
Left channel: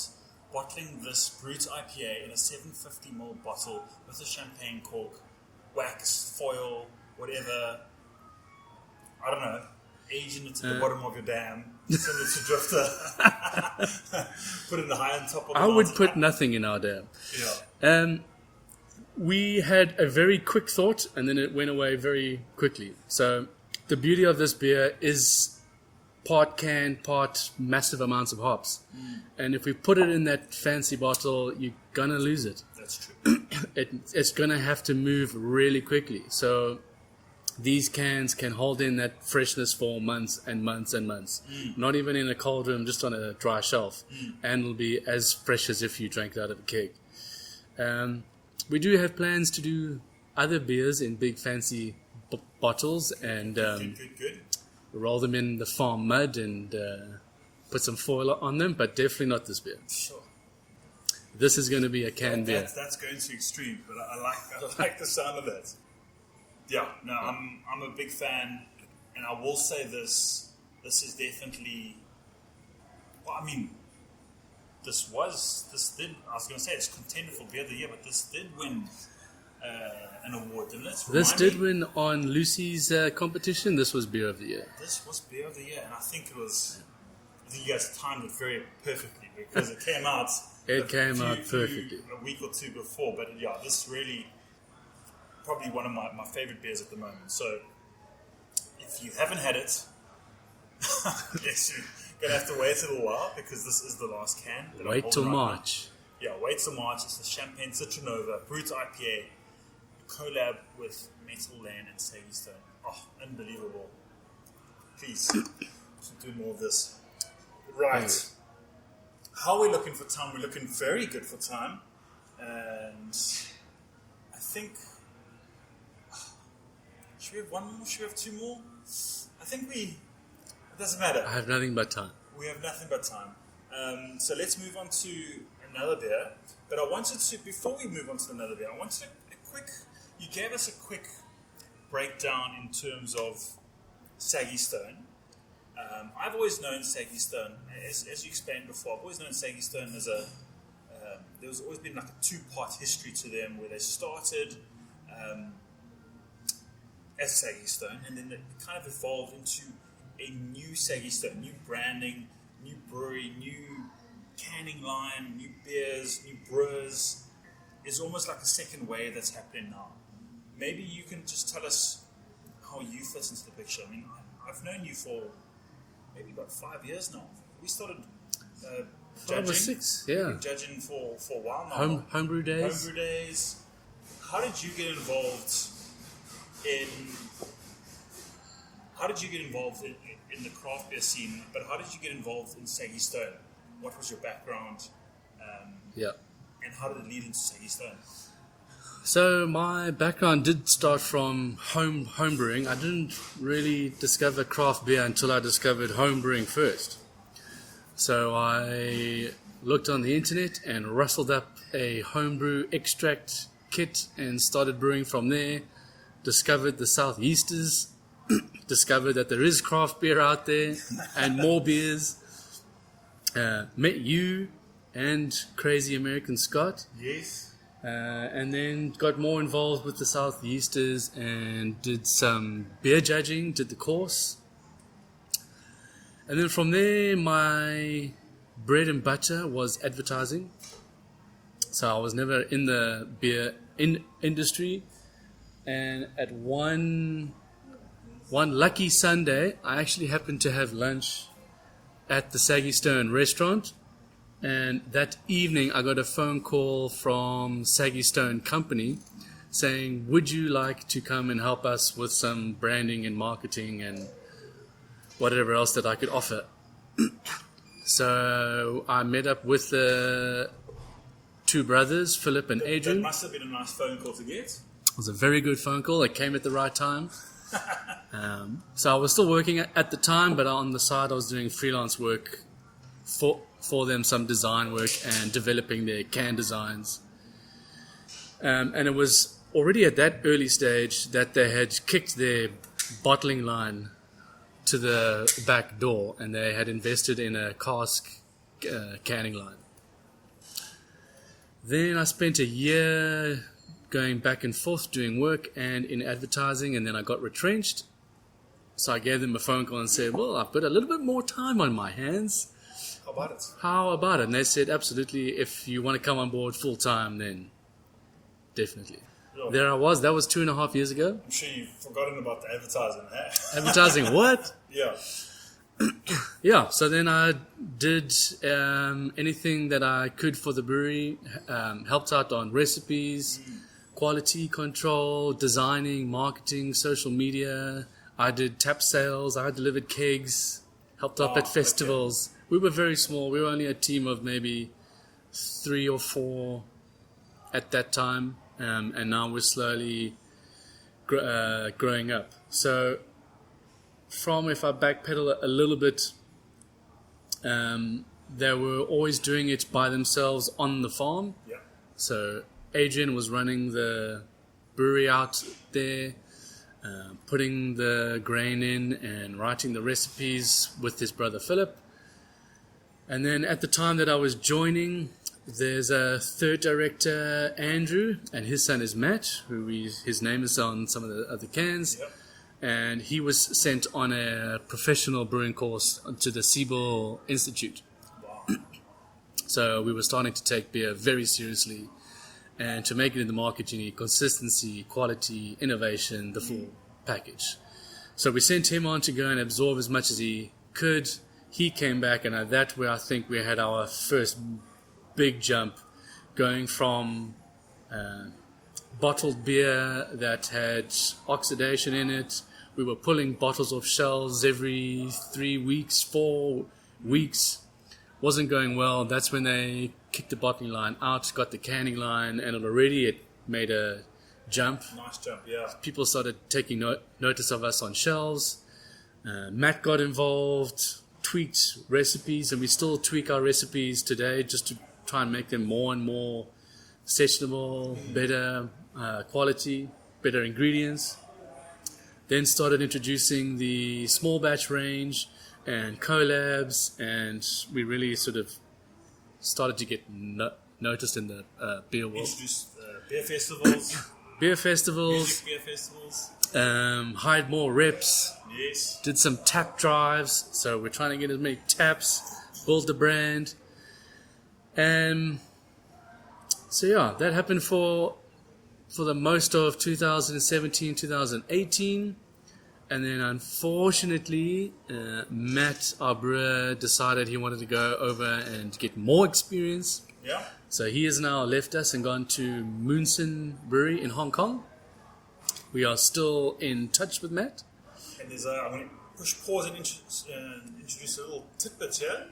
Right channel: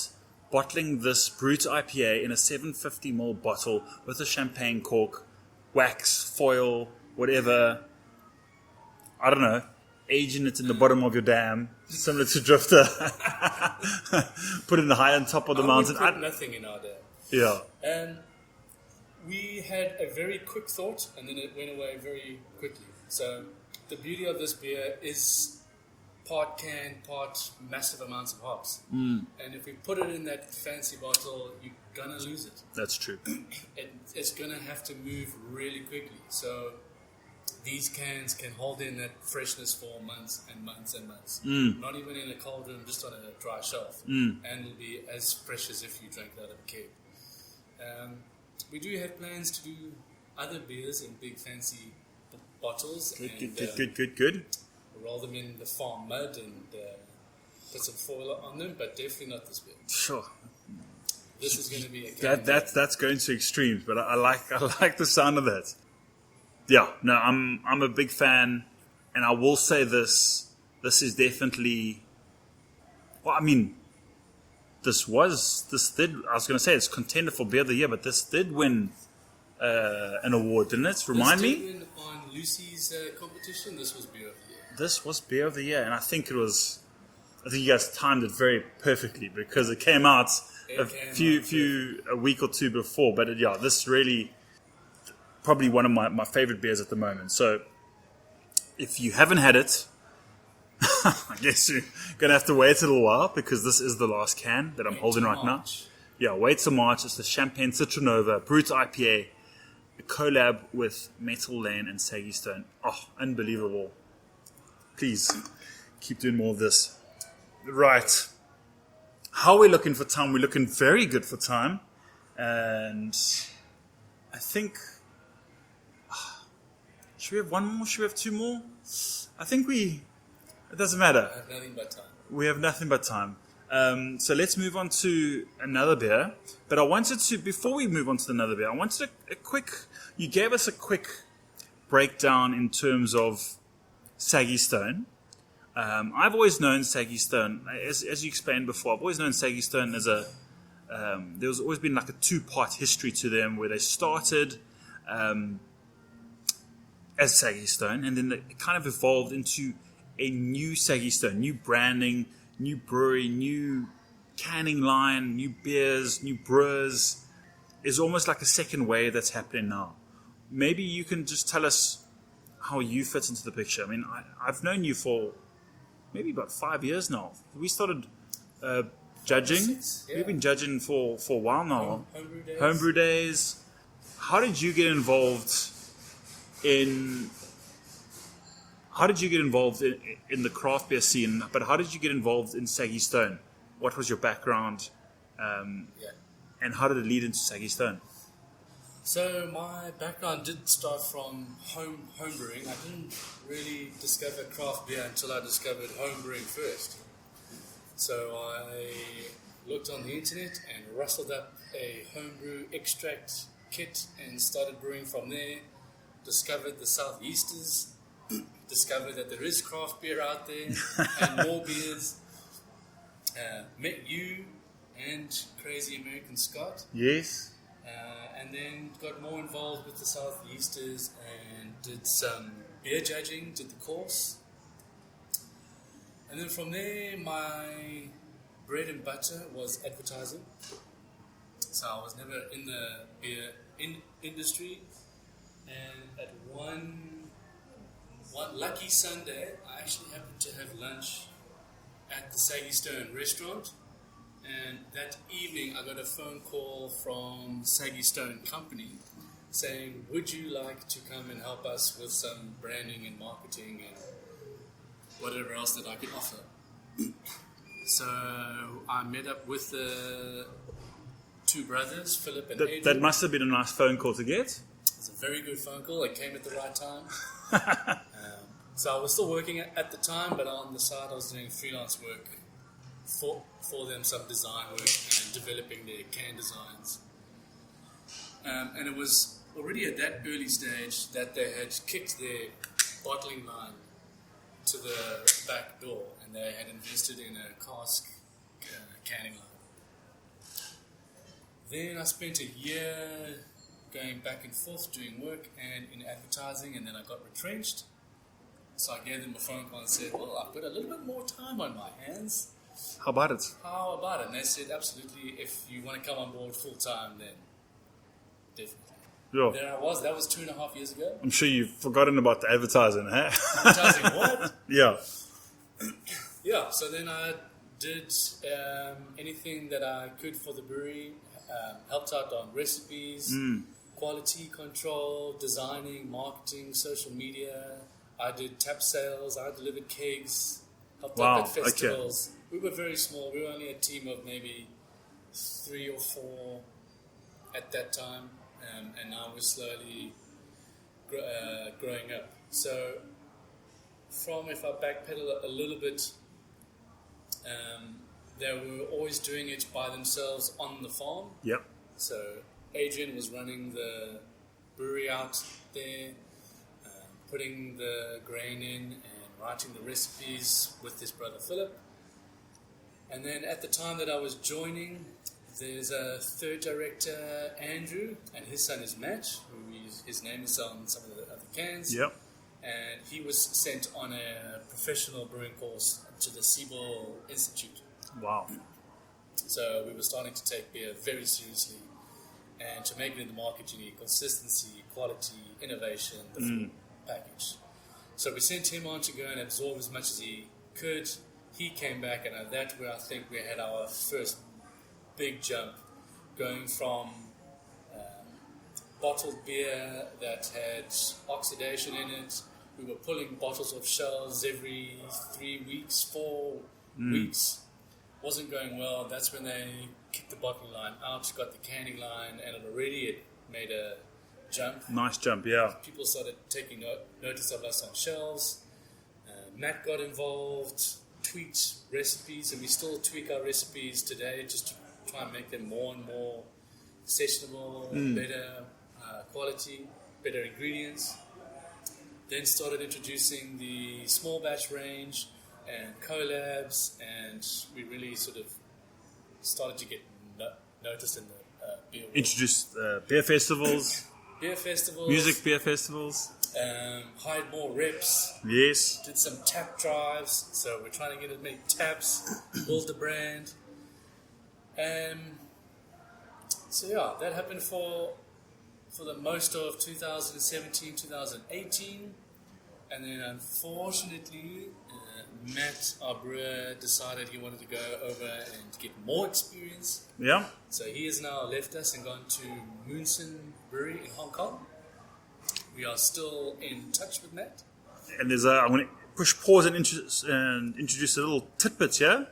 bottling this Brut IPA in a 750ml bottle with a champagne cork, wax, foil, whatever? I don't know. Aging it in the bottom of your dam, similar to Drifter. Put it high on top of the mountain. I would put nothing in our dam. Yeah. We had a very quick thought, and then it went away very quickly. So the beauty of this beer is part can, part massive amounts of hops. And if we put it in that fancy bottle, you're going to lose it. That's true. It's going to have to move really quickly. So these cans can hold in that freshness for months and months and months. Not even in a cold room, just on a dry shelf. And it'll be as fresh as if you drank it out of a keg. We do have plans to do other beers in big fancy bottles and good. roll them in the farm mud and put some foil on them, but definitely not this beer. Sure. This is going to be a can beer. That's going to extremes, but I like the sound of that. Yeah, no, I'm a big fan, and I will say this is definitely, well, I mean, I was going to say it's contender for beer of the year, but this did win an award, didn't it? This did win on Lucy's competition. This was beer of the year. This was beer of the year, and I think you guys timed it very perfectly because it came out a week or two before. But this really probably one of my favorite beers at the moment. So if you haven't had it, I guess you're gonna have to wait a little while because this is the last can that I'm holding right now. Yeah, wait till March. It's the Champagne Citronova Brut IPA, a collab with Metal Lane and Saggy Stone. Oh, unbelievable! Please keep doing more of this. Right. How are we looking for time? We're looking very good for time. And I think... Should we have one more? Should we have two more? I think it doesn't matter. I have nothing but time. We have nothing but time. So let's move on to another beer. But I wanted to, before we move on to another beer, I wanted you gave us a quick breakdown in terms of Saggy Stone. I've always known Saggy Stone, as you explained before, I've always known Saggy Stone as there's always been like a two-part history to them where they started as Saggy Stone and then it kind of evolved into a new Saggy Stone, new branding, new brewery, new canning line, new beers, new brewers. It's almost like a second wave that's happening now. Maybe you can just tell us how you fit into the picture. I mean, I've known you for maybe about 5 years now. We started judging. 6, yeah. We've been judging for a while now. Homebrew days. Homebrew days. How did you get involved in the craft beer scene? But how did you get involved in Saggy Stone? What was your background? And how did it lead into Saggy Stone? So my background did start from home brewing. I didn't really discover craft beer until I discovered home brewing first. So I looked on the internet and rustled up a homebrew extract kit and started brewing from there. Discovered the Southeasters. Discovered that there is craft beer out there and more beers. Met you and Crazy American Scott. Yes. And then got more involved with the Southeasters and did some beer judging, did the course. And then from there, my bread and butter was advertising. So I was never in the beer industry. And at one lucky Sunday, I actually happened to have lunch at the Saggy Stone restaurant. And that evening, I got a phone call from Saggy Stone Company saying, would you like to come and help us with some branding and marketing and whatever else that I could offer? So I met up with the two brothers, Philip and Adrian. That must have been a nice phone call to get. It was a very good phone call. It came at the right time. So I was still working at the time, but on the side I was doing freelance work for them, some design work and developing their can designs. And it was already at that early stage that they had kicked their bottling line to the back door and they had invested in a cask canning line. Then I spent a year going back and forth doing work and in advertising, and then I got retrenched. So I gave them a phone call and said, well, I've got a little bit more time on my hands. How about it? How about it? And they said, absolutely, if you want to come on board full time, then definitely. Yeah. There I was. That was 2.5 years ago. I'm sure you've forgotten about the advertising, huh? Advertising what? Yeah. Yeah, so then I did anything that I could for the brewery, helped out on recipes, quality control, designing, marketing, social media. I did tap sales. I delivered kegs, helped up at festivals. Okay. We were very small. We were only a team of maybe 3 or 4 at that time, and now we're slowly growing up. So if I backpedal a little bit, they were always doing it by themselves on the farm. Yep. So Adrian was running the brewery out there, putting the grain in and writing the recipes with his brother Philip. And then at the time that I was joining, there's a third director, Andrew, and his son is Matt, his name is on some of the other cans. Yep. And he was sent on a professional brewing course to the Siebel Institute. Wow. So we were starting to take beer very seriously. And to make it in the market, you need consistency, quality, innovation, the full package. So we sent him on to go and absorb as much as he could. He came back, and at that where I think we had our first big jump, going from bottled beer that had oxidation in it. We were pulling bottles off shelves every 3 weeks, 4 weeks. Wasn't going well. That's when they kicked the bottling line out, got the canning line, and it made a jump. Nice jump, yeah. People started taking notice of us on shelves. Matt got involved, tweaked recipes, and we still tweak our recipes today just to try and make them more and more sessionable, better quality, better ingredients. Then started introducing the small batch range and collabs, and we really sort of started to get noticed in the beer world. Introduced beer festivals. Music beer festivals. Hired more reps. Yes. Did some tap drives. So we're trying to get as many taps, build the brand. And so yeah, that happened for the most of 2017, 2018. And then unfortunately, Matt, our brewer, decided he wanted to go over and get more experience. Yeah. So he has now left us and gone to Moonson Brewery in Hong Kong. We are still in touch with Matt. And I'm going to push pause and introduce a little tidbit here.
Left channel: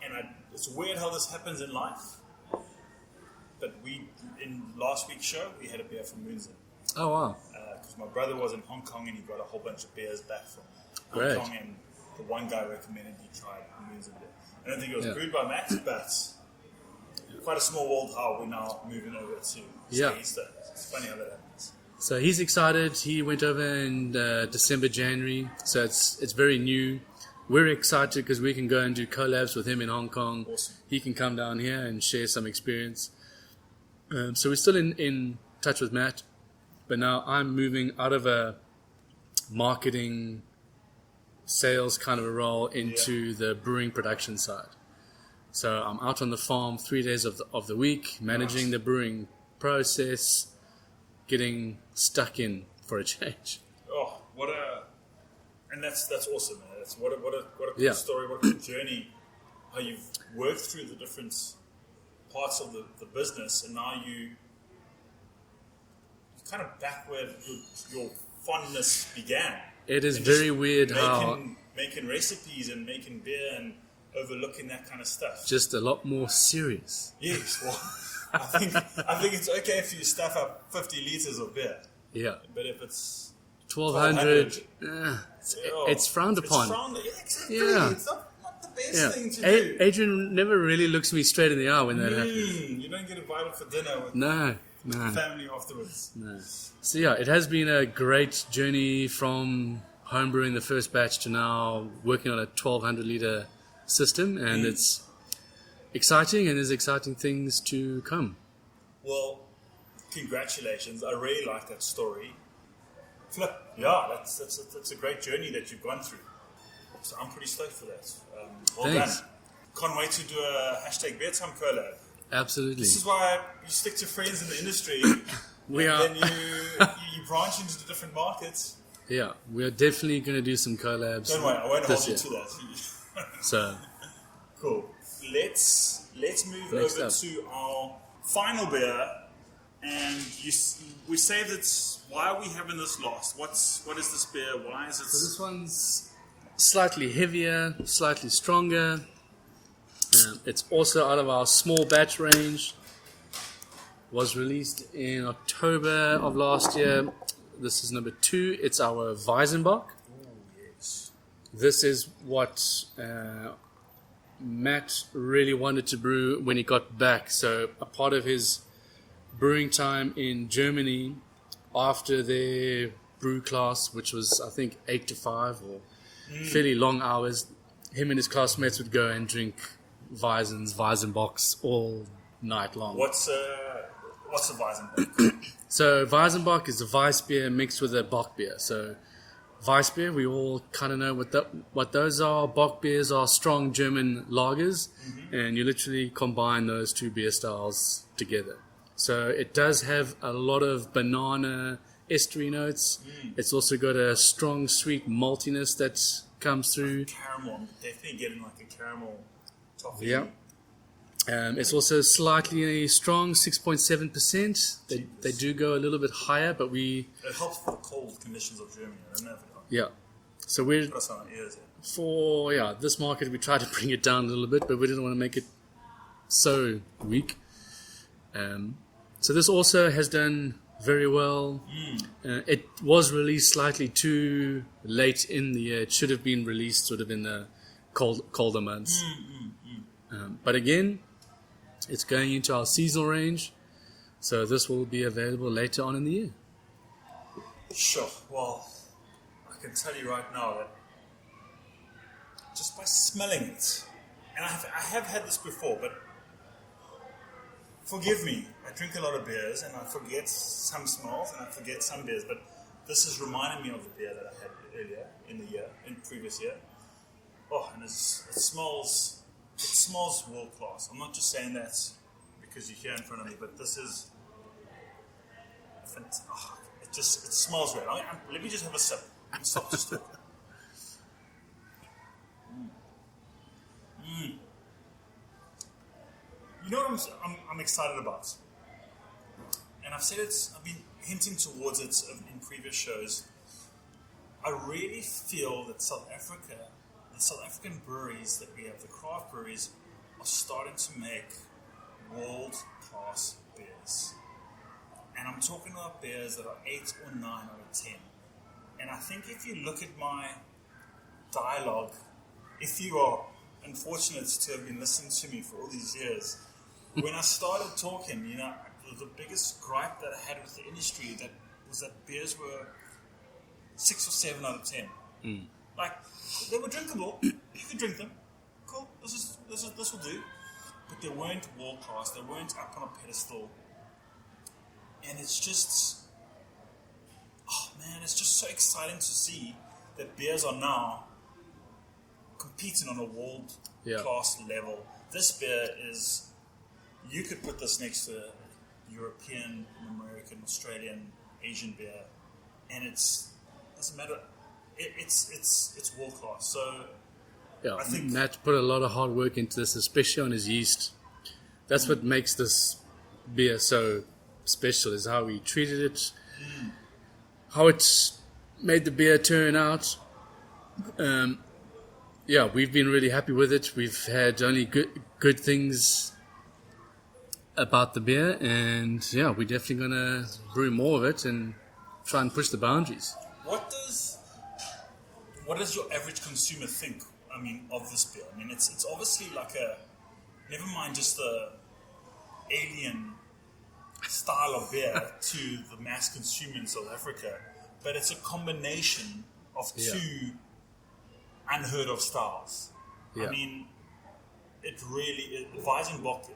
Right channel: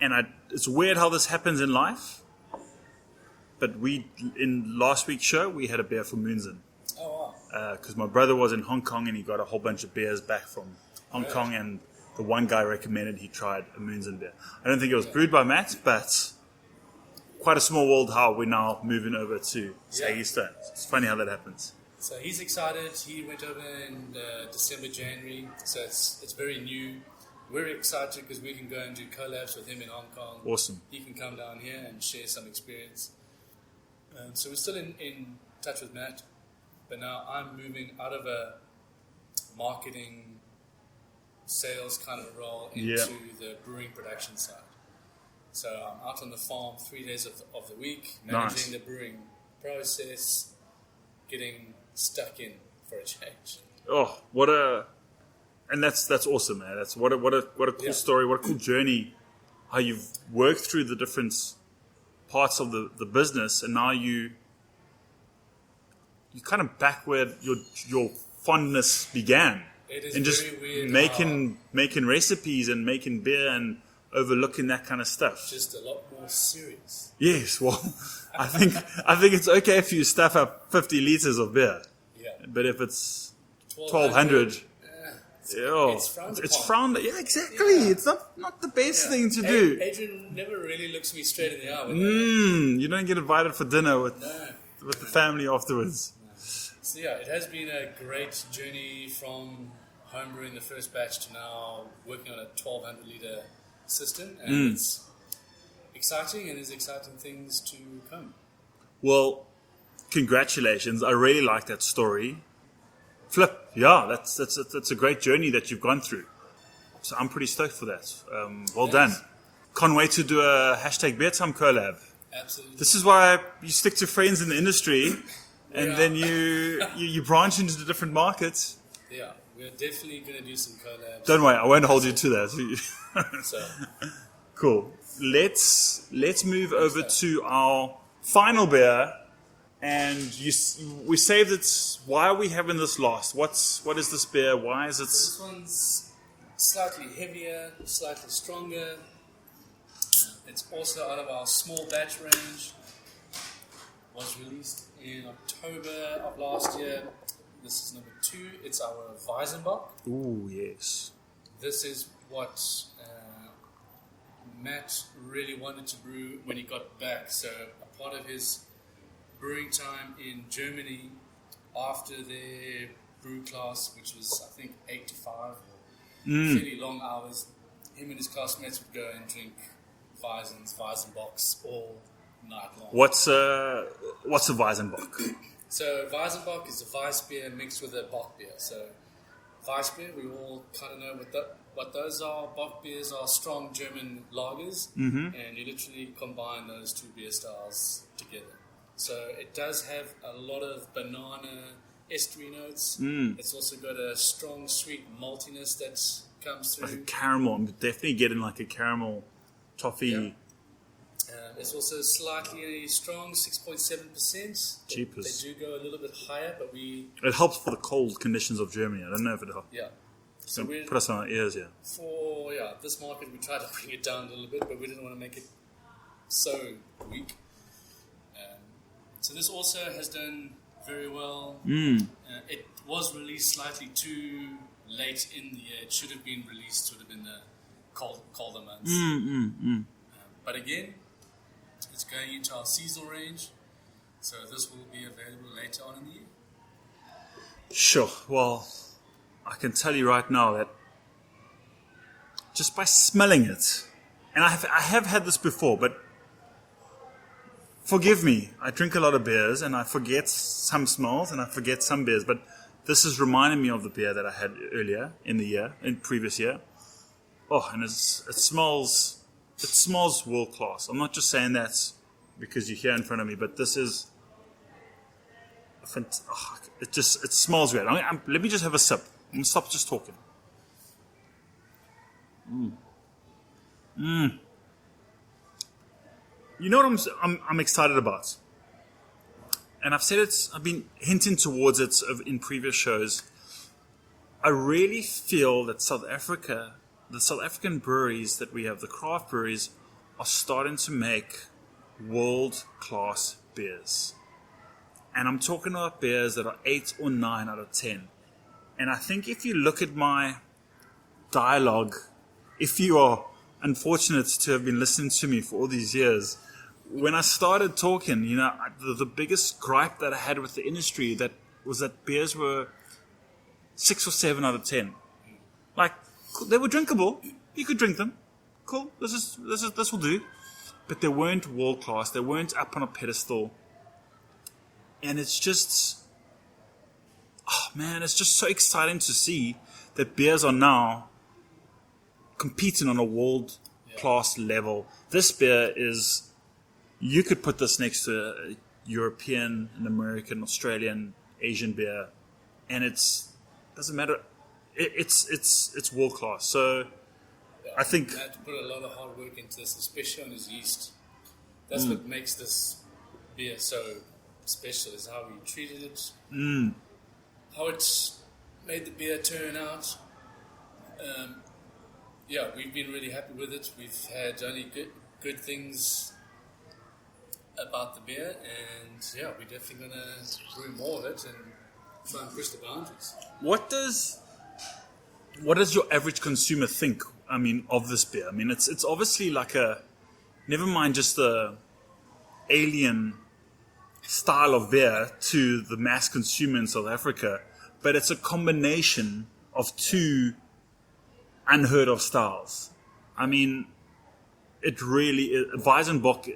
And it's weird how this happens in life. But in last week's show, we had a beer from Moonson. Oh, wow. Because my brother was in Hong Kong and he got a whole bunch of beers back from Hong Kong, and the one guy recommended he tried a Moonson beer. I don't think it was brewed by Matt, but quite a small world how we're now moving over to Saggy Stone. It's funny how that happens. So he's excited. He went over in December, January. So it's very new. We're excited because we can go and do collabs with him in Hong Kong. Awesome. He can come down here and share some experience. So we're still in touch with Matt. But now I'm moving out of a marketing, sales kind of a role into the brewing production side. So I'm out on the farm 3 days of the week, managing the brewing process, getting stuck in for a change. Oh, and that's awesome, man. That's what a cool story, what a cool journey. How you've worked through the different parts of the business, and now you're kind of back where your fondness began. It is very weird making recipes and making beer and overlooking that kind of stuff. Just a lot more serious. Yes, well, I think it's okay if you stuff up 50 liters of beer. Yeah, but if it's 1200, it's frowned upon. It's frowned. Yeah, exactly. Yeah. It's not the best thing to do. Adrian never really looks me straight in the eye when you don't get invited for dinner with the family afterwards. No. So yeah, it has been a great journey from homebrewing the first batch to now working on a 1200 liter system, and it's exciting, and there's exciting things to come. Well, congratulations. I really like that story. Flip, yeah, that's a great journey that you've gone through. So I'm pretty stoked for that. Well done. Can't wait to do a #Beer Time collab. Absolutely. This is why you stick to friends in the industry, then you branch into the different markets. Yeah, we're definitely going to do some collabs. Don't worry, I won't hold you to that. So cool. Let's move over to our final beer And we saved it. Why are we having this last? What is this beer? Why is it? So this one's slightly heavier, slightly stronger. It's also out of our small batch range. Was released in October of last year. This is number 2. It's our Weizenbock. Ooh, yes. This is what Matt really wanted to brew when he got back. So a part of his brewing time in Germany after their brew class, which was I think 8 to 5 or fairly long hours, him and his classmates would go and drink Weizenbocks all night long. What's a Weizenbock? So Weizenbock is a Weiss beer mixed with a Bock beer. So Weiss beer, we all kind of know what those are. Bock beers are strong German lagers, and you literally combine those two beer styles together. So it does have a lot of banana estery notes. It's also got a strong sweet maltiness that comes through. Like caramel. I'm definitely getting like a caramel toffee. Yeah. It's also slightly strong, 6.7%. They do go a little bit higher, but it helps for the cold conditions of Germany. I don't know if it helps. Yeah. So we put us on our ears here. For this market, we tried to bring it down a little bit, but we didn't want to make it so weak. So this also has done very well. It was released slightly too late in the year. It should have been released sort of in the colder months. But again, it's going into our seasonal range, so this will be available later on in the year. Sure. Well, I can tell you right now that just by smelling it, and I have had this before, but forgive me, I drink a lot of beers and I forget some smells and I forget some beers, but this is reminding me of the beer that I had earlier in previous year. Oh, and it smells world class. I'm not just saying that because you're here in front of me, but this is it smells great. Let me just have a sip and stop just talking. You know what I'm excited about? And I've said it, I've been hinting towards it in previous shows. I really feel that the South African breweries that we have, the craft breweries, are starting to make world-class beers. And I'm talking about beers that are 8 or 9 out of 10. And I think if you look at my dialogue, if you are unfortunate to have been listening to me for all these years, when I started talking, the biggest gripe that I had with the industry was that beers were 6 or 7 out of 10. Like, they were drinkable. You could drink them. Cool. This will do. But they weren't world class. They weren't up on a pedestal. And it's just, it's just so exciting to see that beers are now competing on a world class level. This beer is, you could put this next to a European, an American, Australian, Asian beer, and doesn't matter. It's world class. So I think Matt put a lot of hard work into this, especially on his yeast. That's what makes this beer so special, is how he treated it, how it made the beer turn out. We've been really happy with it. We've had only good things about the beer, and we're definitely going to brew more of it and try and push the boundaries. What does your average consumer think, of this beer? It's obviously like never mind just the alien style of beer to the mass consumer in South Africa, but it's a combination of two unheard of styles. Yeah. It really is. Weizenbock,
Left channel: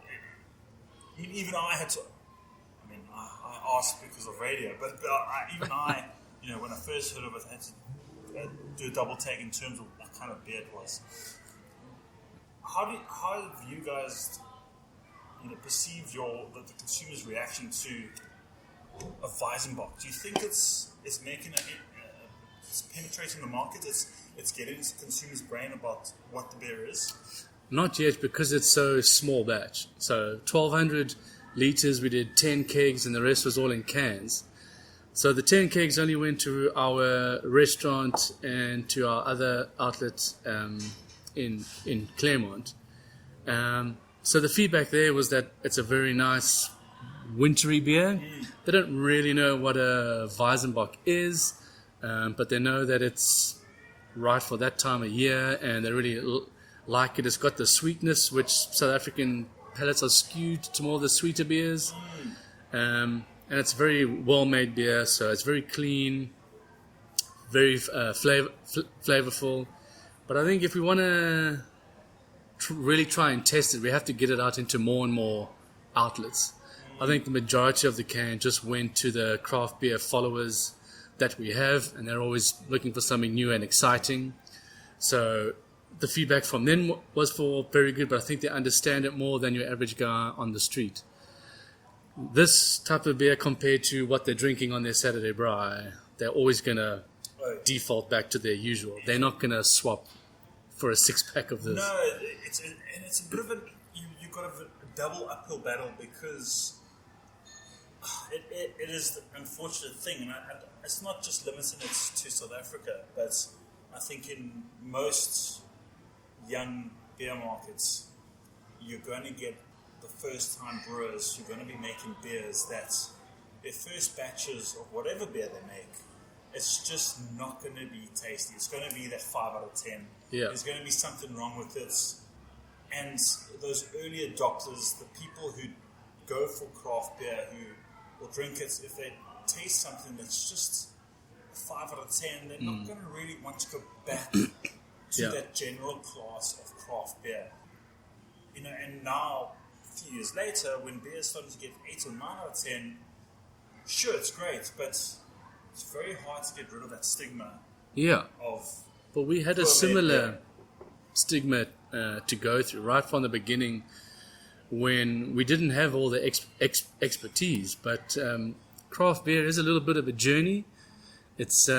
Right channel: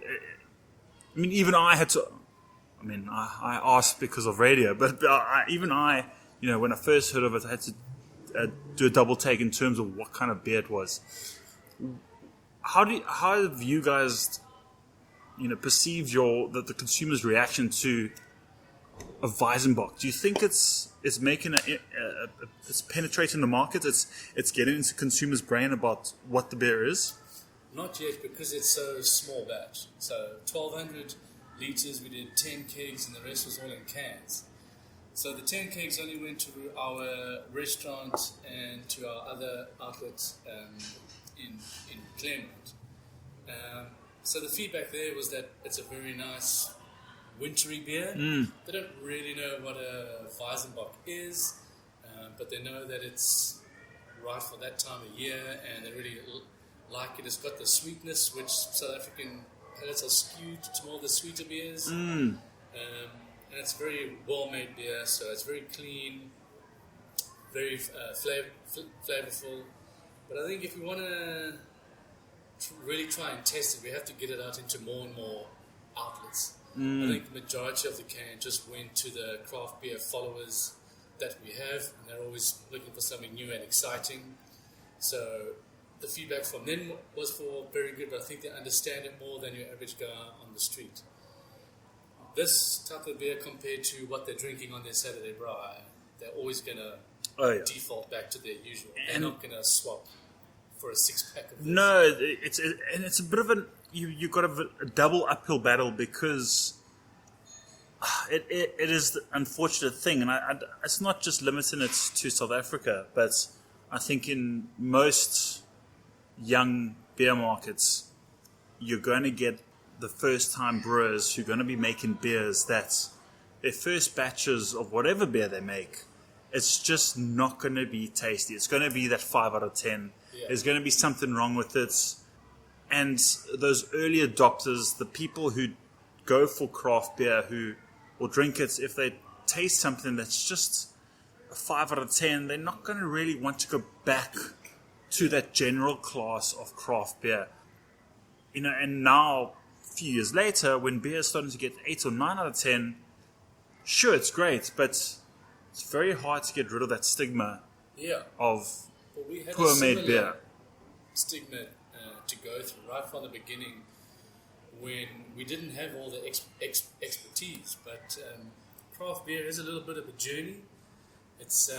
even I had to, I asked because of radio, but even I, when I first heard of it, I had to do a double take in terms of what kind of beer it was. How have you guys, perceived the consumer's reaction to a Weizenbock? Do you think it's making it's penetrating the market? It's getting into consumers' brain about what the beer is? Not yet, because it's so small batch. So 1,200 liters, we did 10 kegs, and the rest was all in cans. So the 10 kegs only went to our restaurant and to our other outlets in Claremont. So the feedback there was that it's a very nice wintry beer. They don't really know what a Weizenbock is, but they know that it's right for that time of year, and they really like it. It's got the sweetness, which South African palates are skewed to more of the sweeter beers. And it's very well-made beer, so it's very clean, very flavorful. But I think if we want to really try and test it, we have to get it out into more and more outlets. I think the majority of the can just went to the craft beer followers that we have, and they're always looking for something new and exciting. So the feedback from them was very good, but I think they understand it more than your average guy on the street. This type of beer, compared to what they're drinking on their Saturday braai, they're always going to default back to their usual. They're not going to swap for a 6-pack of this. No, it's a bit of you've got a double uphill battle, because it is the unfortunate thing, and it's not just limiting it to South Africa, but I think in most young beer markets, you're going to get the first-time brewers who are going to be making beers that their first batches of whatever beer they make, it's just not going to be tasty. It's going to be that 5 out of 10. Yeah. There's going to be something wrong with it. And those early adopters, the people who go for craft beer, who will drink it, if they taste something that's just a 5 out of 10, they're not going to really want to go back to that general class of craft beer. You know, and now, a few years later, when beer is starting to get 8 or 9 out of 10, sure, it's great, but it's very hard to get rid of that stigma of But we had a similar stigma to go through right from the beginning, when we didn't have all the expertise. But craft beer is a little bit of a journey. It's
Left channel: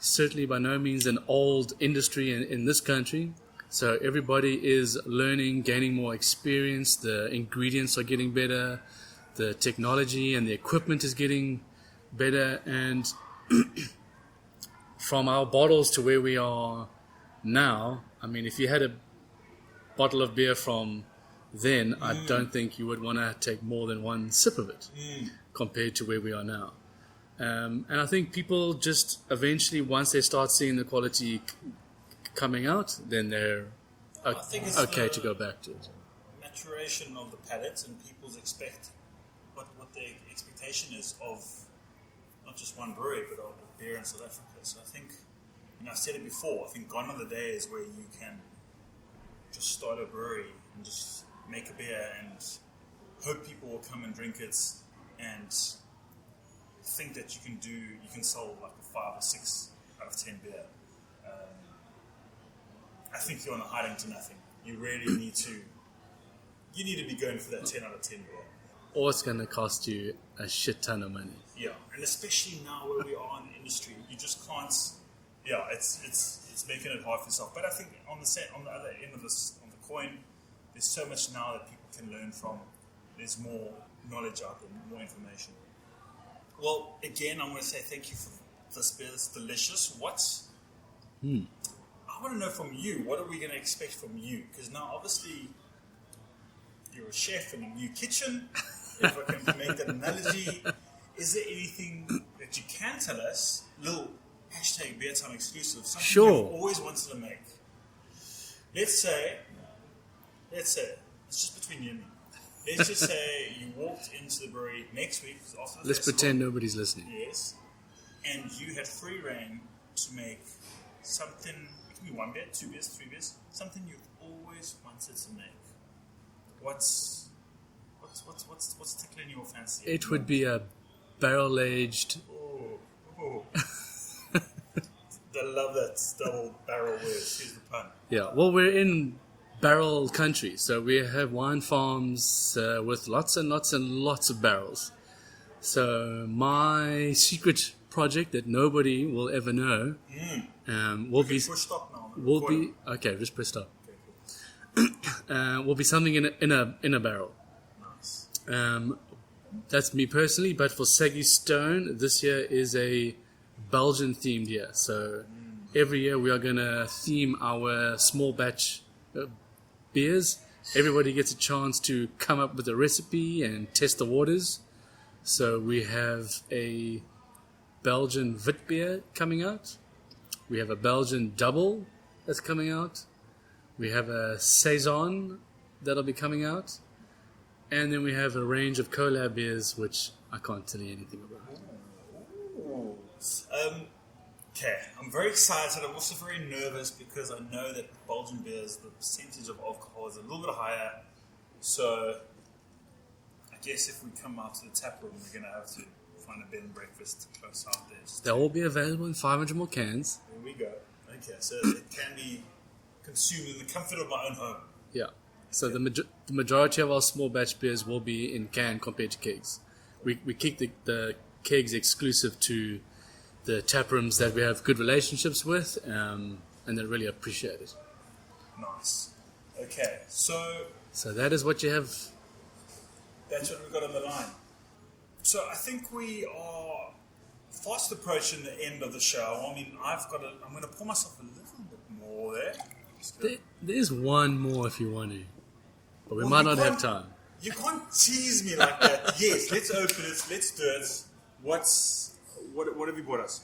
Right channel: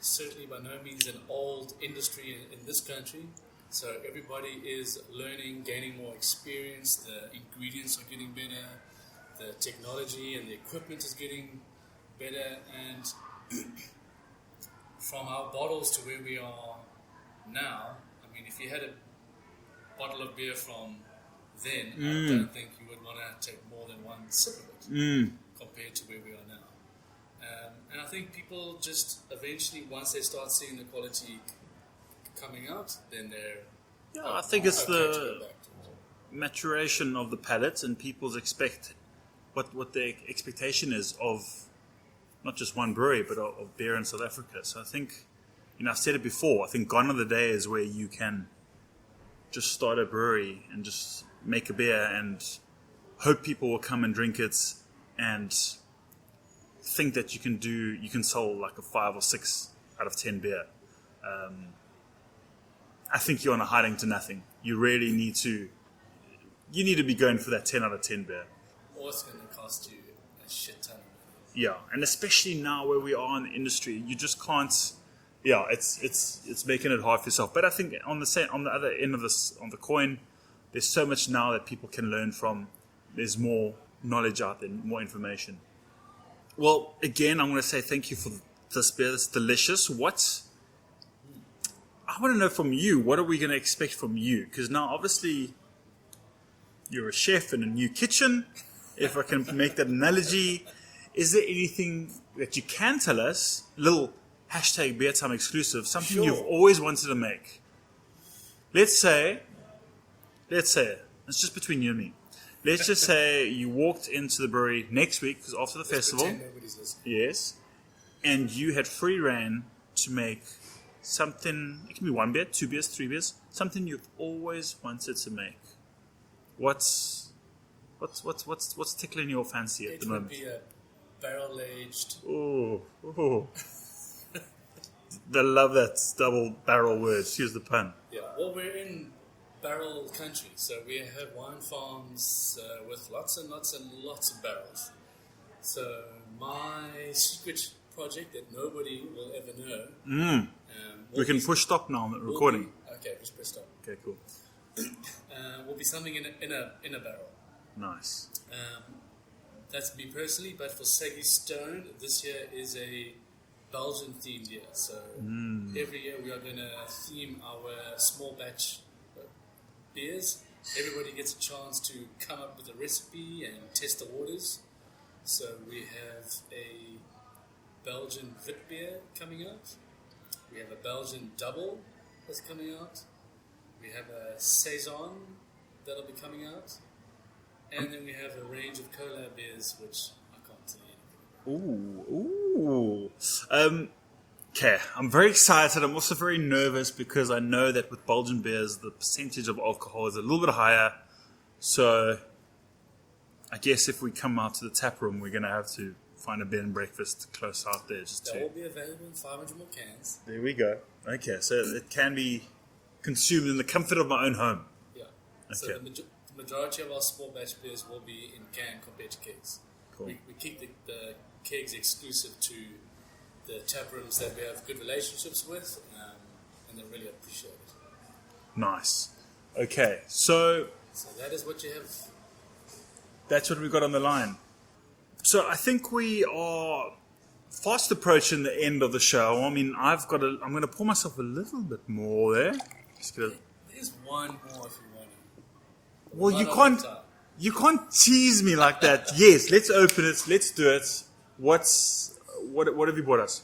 certainly by no means an old industry in this country. So everybody is learning, gaining more experience. The ingredients are getting better. The technology and the equipment is getting better. And from our bottles to where we are now, I mean, if you had a bottle of beer from then, I don't think you would want to take more than one sip of it compared to where we are now. And I think people just eventually, once they start seeing the quality coming out, then they're I think it's okay to go back to it. Maturation of the palate, and people's what their expectation is of not just one brewery, but of beer in South Africa. So I think, I've said it before, I think gone are the days where you can just start a brewery and just make a beer and hope people will come and drink it, and think that you can sell like a 5 or 6 out of 10 beer. I think you're on a hiding to nothing. You really need to be going for that 10 out of 10 beer. Or it's going to cost you a shit ton of money. Yeah, and especially now where we are in the industry, you just can't. Yeah, it's making it hard for yourself. But I think on the other end of on the coin, there's so much now that people can learn from. There's more knowledge out there, more information. Well, again, I'm going to say thank you for this beer. It's delicious. I want to know from you, what are we going to expect from you? Because now, obviously, you're a chef in a new kitchen, if I can make that analogy. Is there anything that you can tell us, little hashtag Beer Time exclusive, something you've always wanted to make? Let's say, it's just between you and me. Let's just say you walked into the brewery next week, because after the festival. Let's pretend nobody's listening. Yes. And you had free reign to make something, it can be 1 beer, 2 beers, 3 beers, something you've always wanted to make. What's tickling your fancy? It would be a barrel-aged. Oh. They love that double barrel word. Excuse the pun. Yeah. Well, we're in barrel country, so we have wine farms with lots and lots and lots of barrels. So my secret project that nobody will ever know. We can push stop now on the recording. Okay, just press stop. Okay, cool. Will be something in a barrel. Nice. That's me personally, but for Saggy Stone, this year is a Belgian themed year. So every year we are going to theme our small batch beers. Everybody gets a chance to come up with a recipe and test the waters. So we have a Belgian Wit beer coming out. We have a Belgian double that's coming out. We have a Saison that'll be coming out. And then we have a range of collab beers, which I can't tell you anything about. Okay, I'm very excited. I'm also very nervous because I know that with Belgian beers, the percentage of alcohol is a little bit higher. So I guess if we come out to the tap room, we're going to have to find a bed and breakfast close out there. They'll all be available in 500 ml cans. There we go. Okay, so it can be consumed in the comfort of my own home. Yeah. So the majority of our small batch beers will be in can compared to kegs. Cool. We keep the kegs exclusive to the tap rooms that we have good relationships with, and they really appreciate it. Nice. Okay, so that is what you have. That's what we've got on the line. So I think we are fast approaching the end of the show. I mean, I'm going to pour myself a little bit more there. There's one more if you want to. But we might not have time. You can't tease me like that. Yes, let's open it. Let's do it. What have you brought us?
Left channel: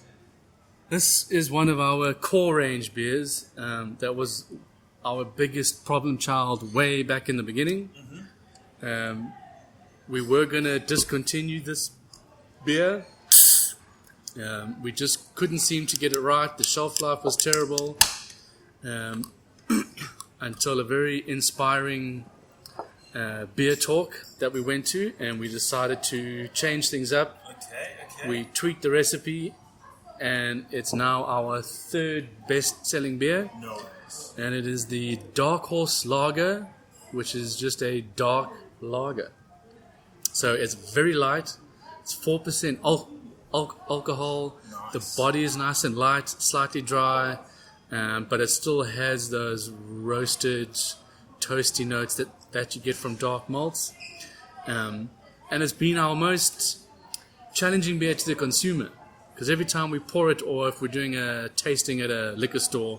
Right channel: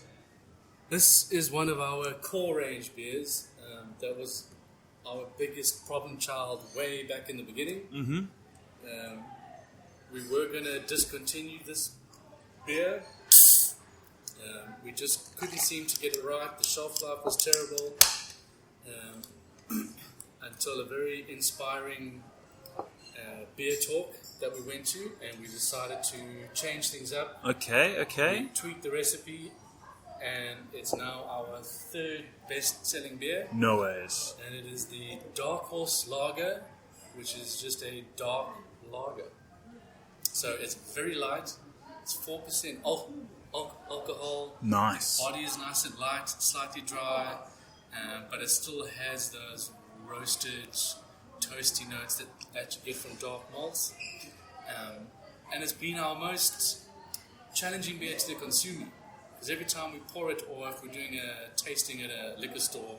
This is one of our core range beers. That was our biggest problem child way back in the beginning. Mm-hmm. We were going to discontinue this beer. We just couldn't seem to get it right. The shelf life was terrible. Until a very inspiring beer talk that we went to, and we decided to change things up. Okay. We tweaked the recipe, and it's now our third best-selling beer. No ways. And it is the Dark Horse Lager, which is just a dark lager. So it's very light. It's 4% alcohol. Nice. The body is nice and light, slightly dry. But it still has those roasted, toasty notes that you get from dark malts. And it's been our most challenging beer to the consumer. Because every time we pour it, or if we're doing a tasting at a liquor store,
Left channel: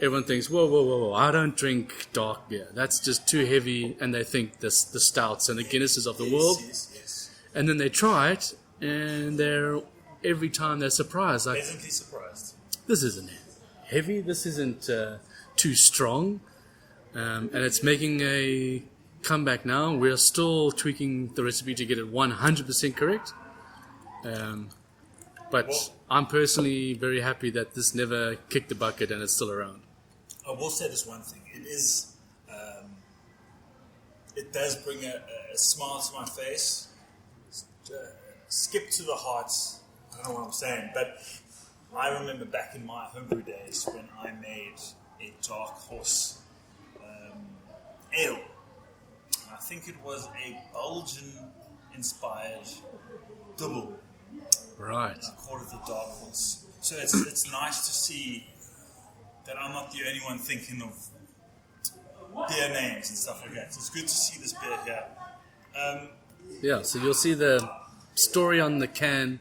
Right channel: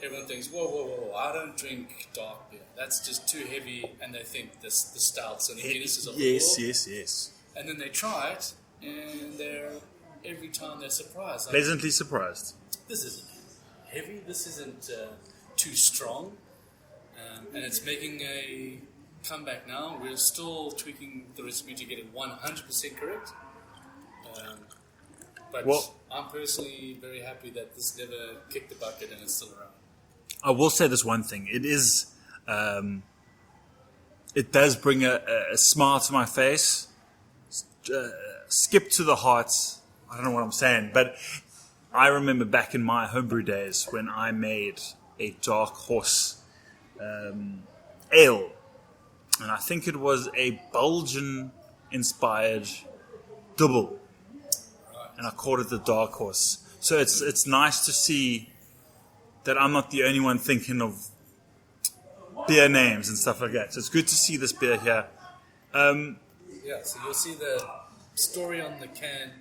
everyone thinks, whoa, I don't drink dark beer. That's just too heavy. And they think the stouts and the Guinnesses of the world. Yes. And then they try it, and every time they're surprised. Like, pleasantly surprised. This isn't heavy, this isn't too strong, and it's making a comeback now. We're still tweaking the recipe to get it 100% correct, but I'm personally very happy that this never kicked the bucket and it's still around. I will say this one thing: it does bring a smile to my face, skip to the heart. I don't know what I'm saying, but I remember back in my homebrew days when I made a Dark Horse ale, and I think it was a Belgian-inspired double. Right. And I called it the Dark Horse. So it's nice to see that I'm not the only one thinking of beer names and stuff like that. So it's good to see this beer here. So you'll see the story on the can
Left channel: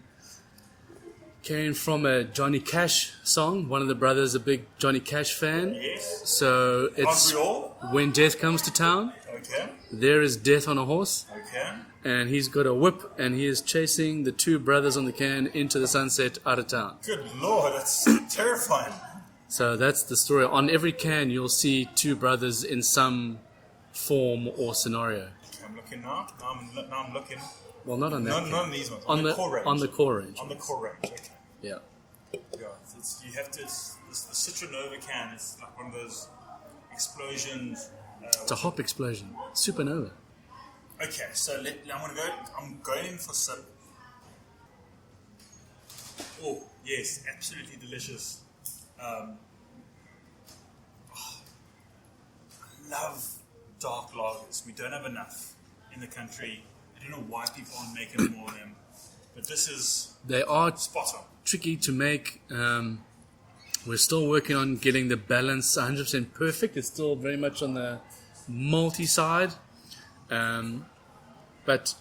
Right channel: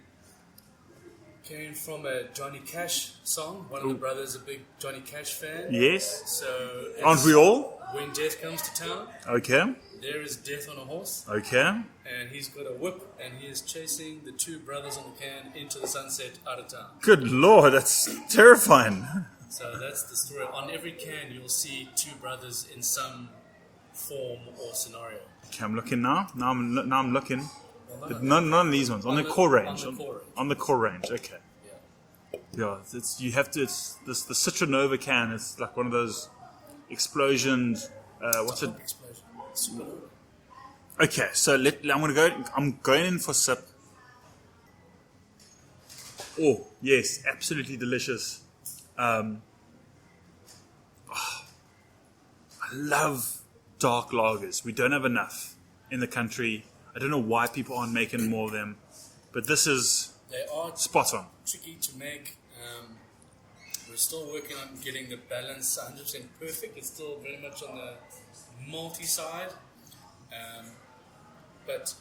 came from a Johnny Cash song. One of the brothers is a big Johnny Cash fan. Yes. So it's Aren't we all? When death comes to town. Okay. There is death on a horse. Okay. And he's got a whip, and he is chasing the two brothers on the can into the sunset out of town. Good Lord, that's terrifying. So that's the story. On every can, you'll see two brothers in some form or scenario. Okay, I'm looking now. Now I'm looking. Well, not on that. None of these ones. On the core range. On the core range. On the core range. Okay. Yeah. Yeah. You have to. It's the Citronova can. It's like one of those explosions. It's a hop explosion. Supernova. Okay, so I'm going in for sip. Oh yes, absolutely delicious. I love dark lagers. We don't have enough in the country. I don't know why people aren't making more of them, but they are spot on. Tricky to make. We're still working on getting the balance 100% perfect. It's still very much on the malty side. But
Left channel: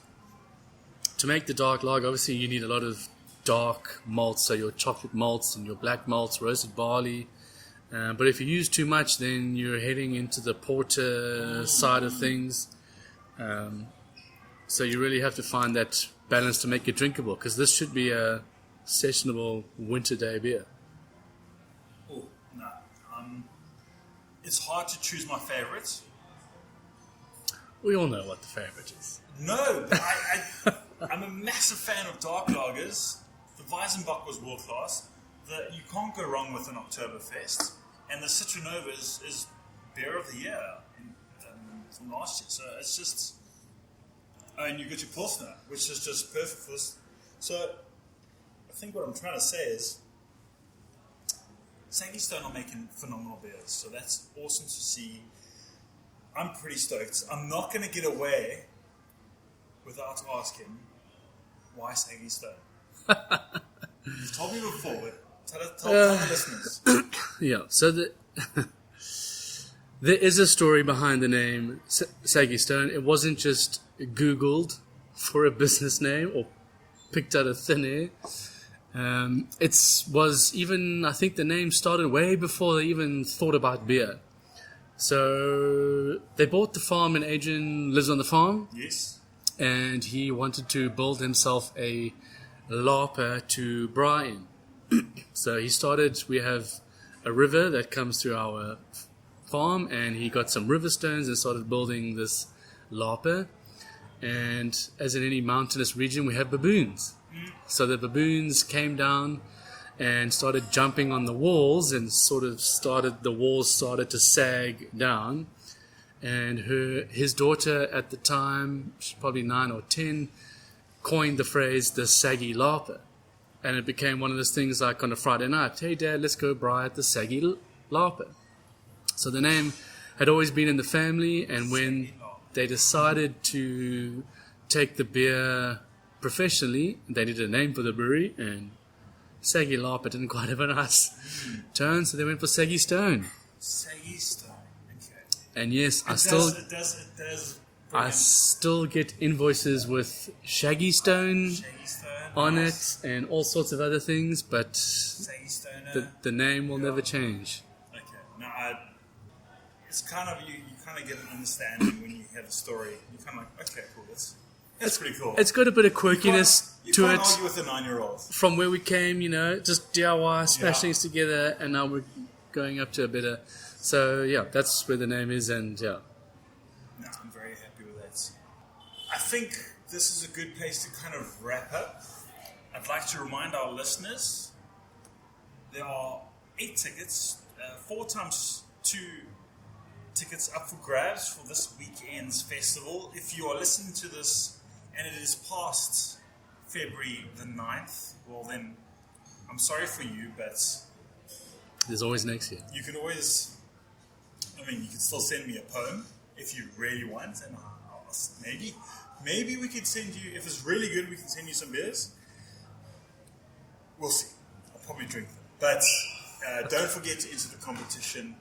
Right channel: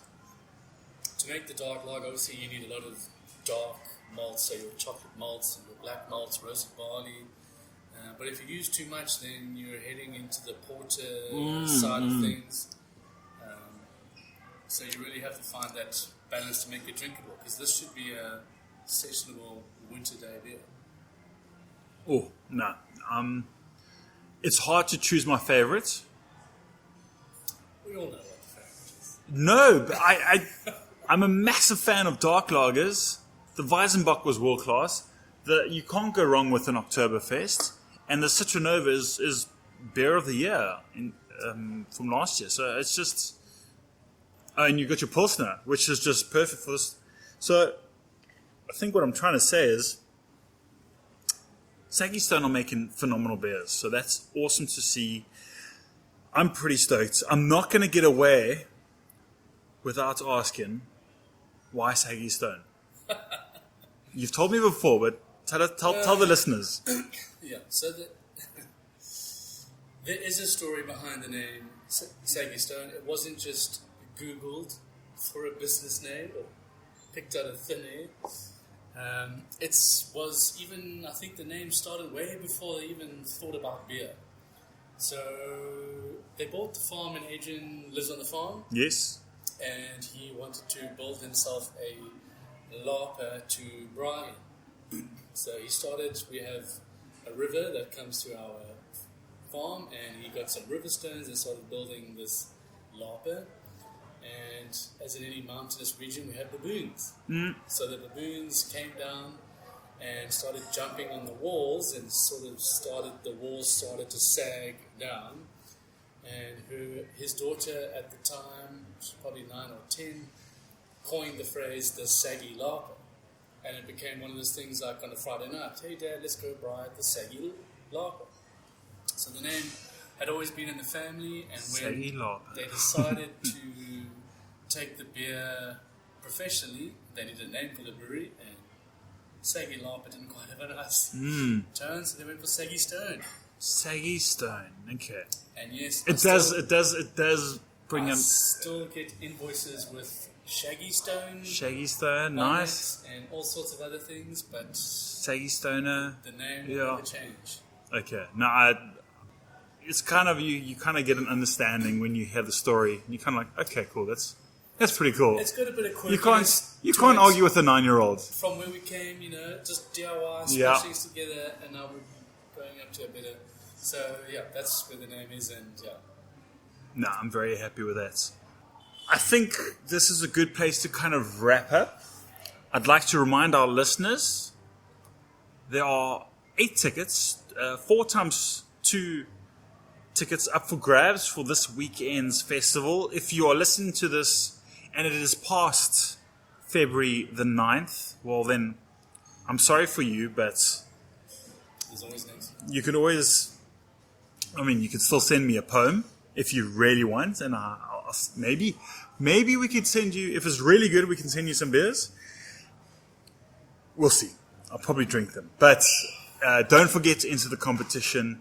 to make the dark lager, obviously you need a lot of dark malts, so your chocolate malts and your black malts, roasted barley. But if you use too much, then you're heading into the porter side of things. So you really have to find that balance to make it drinkable, because this should be a sessionable winter day beer. Oh, no. It's hard to choose my favorite. We all know what the favorite is. No, but I'm a massive fan of dark lagers. The Weizenbock was world class. You can't go wrong with an Oktoberfest. And the Citronova is beer of the year from last year. So it's just... Oh, and you got your Pilsner, which is just perfect for this. So I think what I'm trying to say is Saggy Stone are making phenomenal beers. So that's awesome to see. I'm pretty stoked. I'm not going to get away without asking, why Saggy Stone? You've told me before, but tell the listeners. Yeah, so there is a story behind the name Saggy Stone. It wasn't just Googled for a business name or picked out of thin air. It was even, I think the name started way before they even thought about beer. So they bought the farm, and Adrian lives on the farm. Yes. And he wanted to build himself a larper to braai in. So he started, we have a river that comes through our farm, and he got some river stones and started building this larper. And as in any mountainous region, we have baboons. So the baboons came down and started jumping on the walls, and the walls started to sag down. And his daughter at the time, she's probably 9 or 10, coined the phrase the saggy larper. And it became one of those things like on a Friday night, hey Dad, let's go braai at the saggy larper. So the name had always been in the family, and when they decided to take the beer professionally, they did a name for the brewery, and Saggy Larper didn't quite have a nice turn, so they went for Saggy Stone. Saggy Stone, okay. And yes, it does bring I still get invoices with Shaggy Stone on nice. It, and all sorts of other things, but Saggy Stoner, the name will never change. Okay, no, it's kind of you kind of get an understanding when you hear the story. You're kind of like, okay, cool, that's pretty cool. It's got a bit of quirkiness. You can't argue with a 9-year-old. From where we came, just DIY, smash things together, and now we're going up to a better. So yeah, that's where the name is, and yeah. No, I'm very happy with that. I think this is a good place to kind of wrap up. I'd like to remind our listeners there are 8 tickets, 4 times 2 tickets up for grabs for this weekend's festival. If you are listening to this and it is past February the 9th, well then, I'm sorry for you, but there's always next year. You can always, you can still send me a poem if you really want, and I'll maybe we could send you, if it's really good, we can send you some beers. We'll see. I'll probably drink them. But don't forget to enter the competition.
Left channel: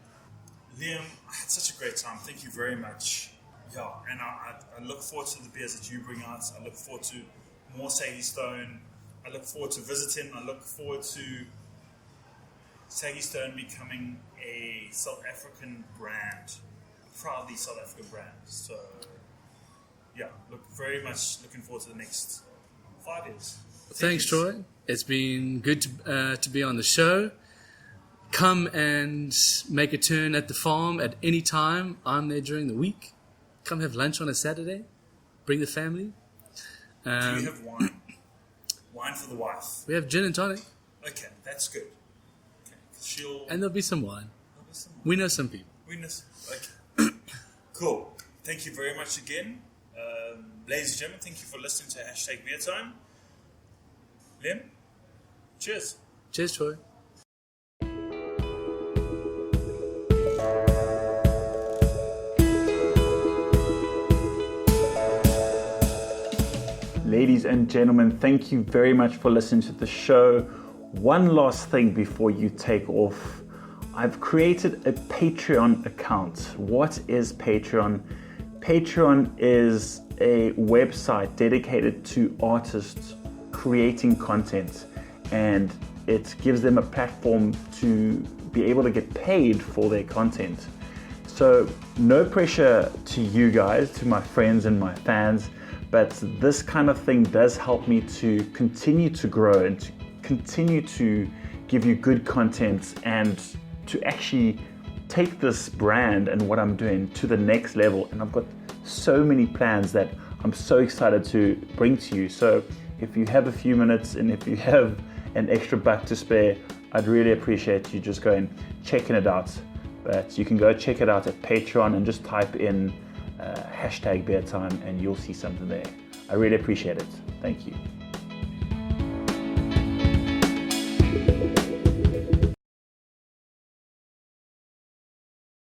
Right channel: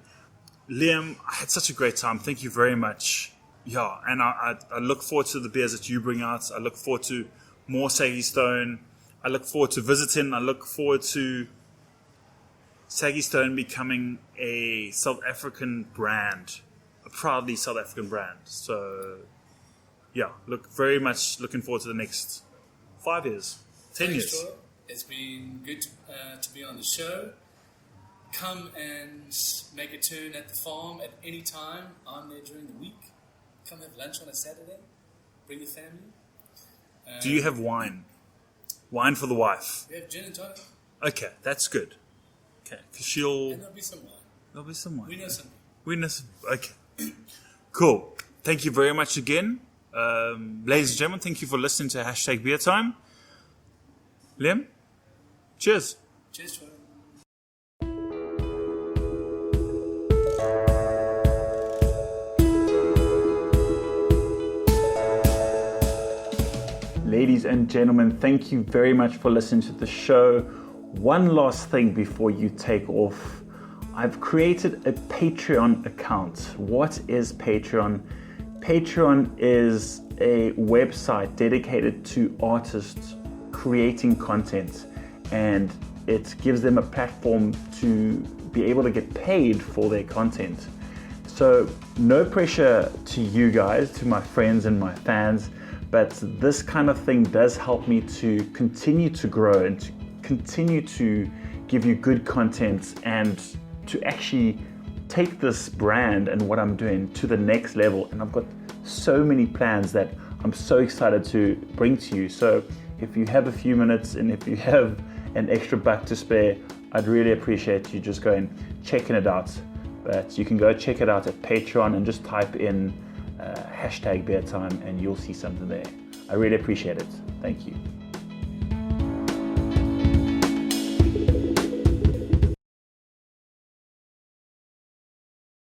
Liam, I had such a great time. Thank you very much. Yeah, and I look forward to the beers that you bring out. I look forward to more Saggy Stone. I look forward to visiting. I look forward to Saggy Stone becoming a South African brand, a proudly South African brand. So, yeah, very much looking forward to the next 5 years. Thanks, Troy. It's been good to be on the show. Come and make a turn at the farm at any time. I'm there during the week. Come have lunch on a Saturday. Bring the family. Do you have wine? Wine for the wife? We have gin and tonic. Okay, that's good. Okay, and there'll be some wine. We know some people. Okay. Cool. Thank you very much again. Ladies and gentlemen, thank you for listening to Hashtag Beer Time. Liam, cheers. Cheers, Troy. Ladies and gentlemen, thank you very much for listening to the show. One last thing before you take off. I've created a Patreon account. What is Patreon? Patreon is a website dedicated to artists creating content, and it gives them a platform to be able to get paid for their content. So no pressure to you guys, to my friends and my fans, but this kind of thing does help me to continue to grow and to continue to give you good content and to actually take this brand and what I'm doing to the next level. And I've got so many plans that I'm so excited to bring to you. So if you have a few minutes and if you have an extra buck to spare, I'd really appreciate you just going checking it out. But you can go check it out at Patreon and just type in #BeerTime and you'll see something there. I really appreciate it. Thank you.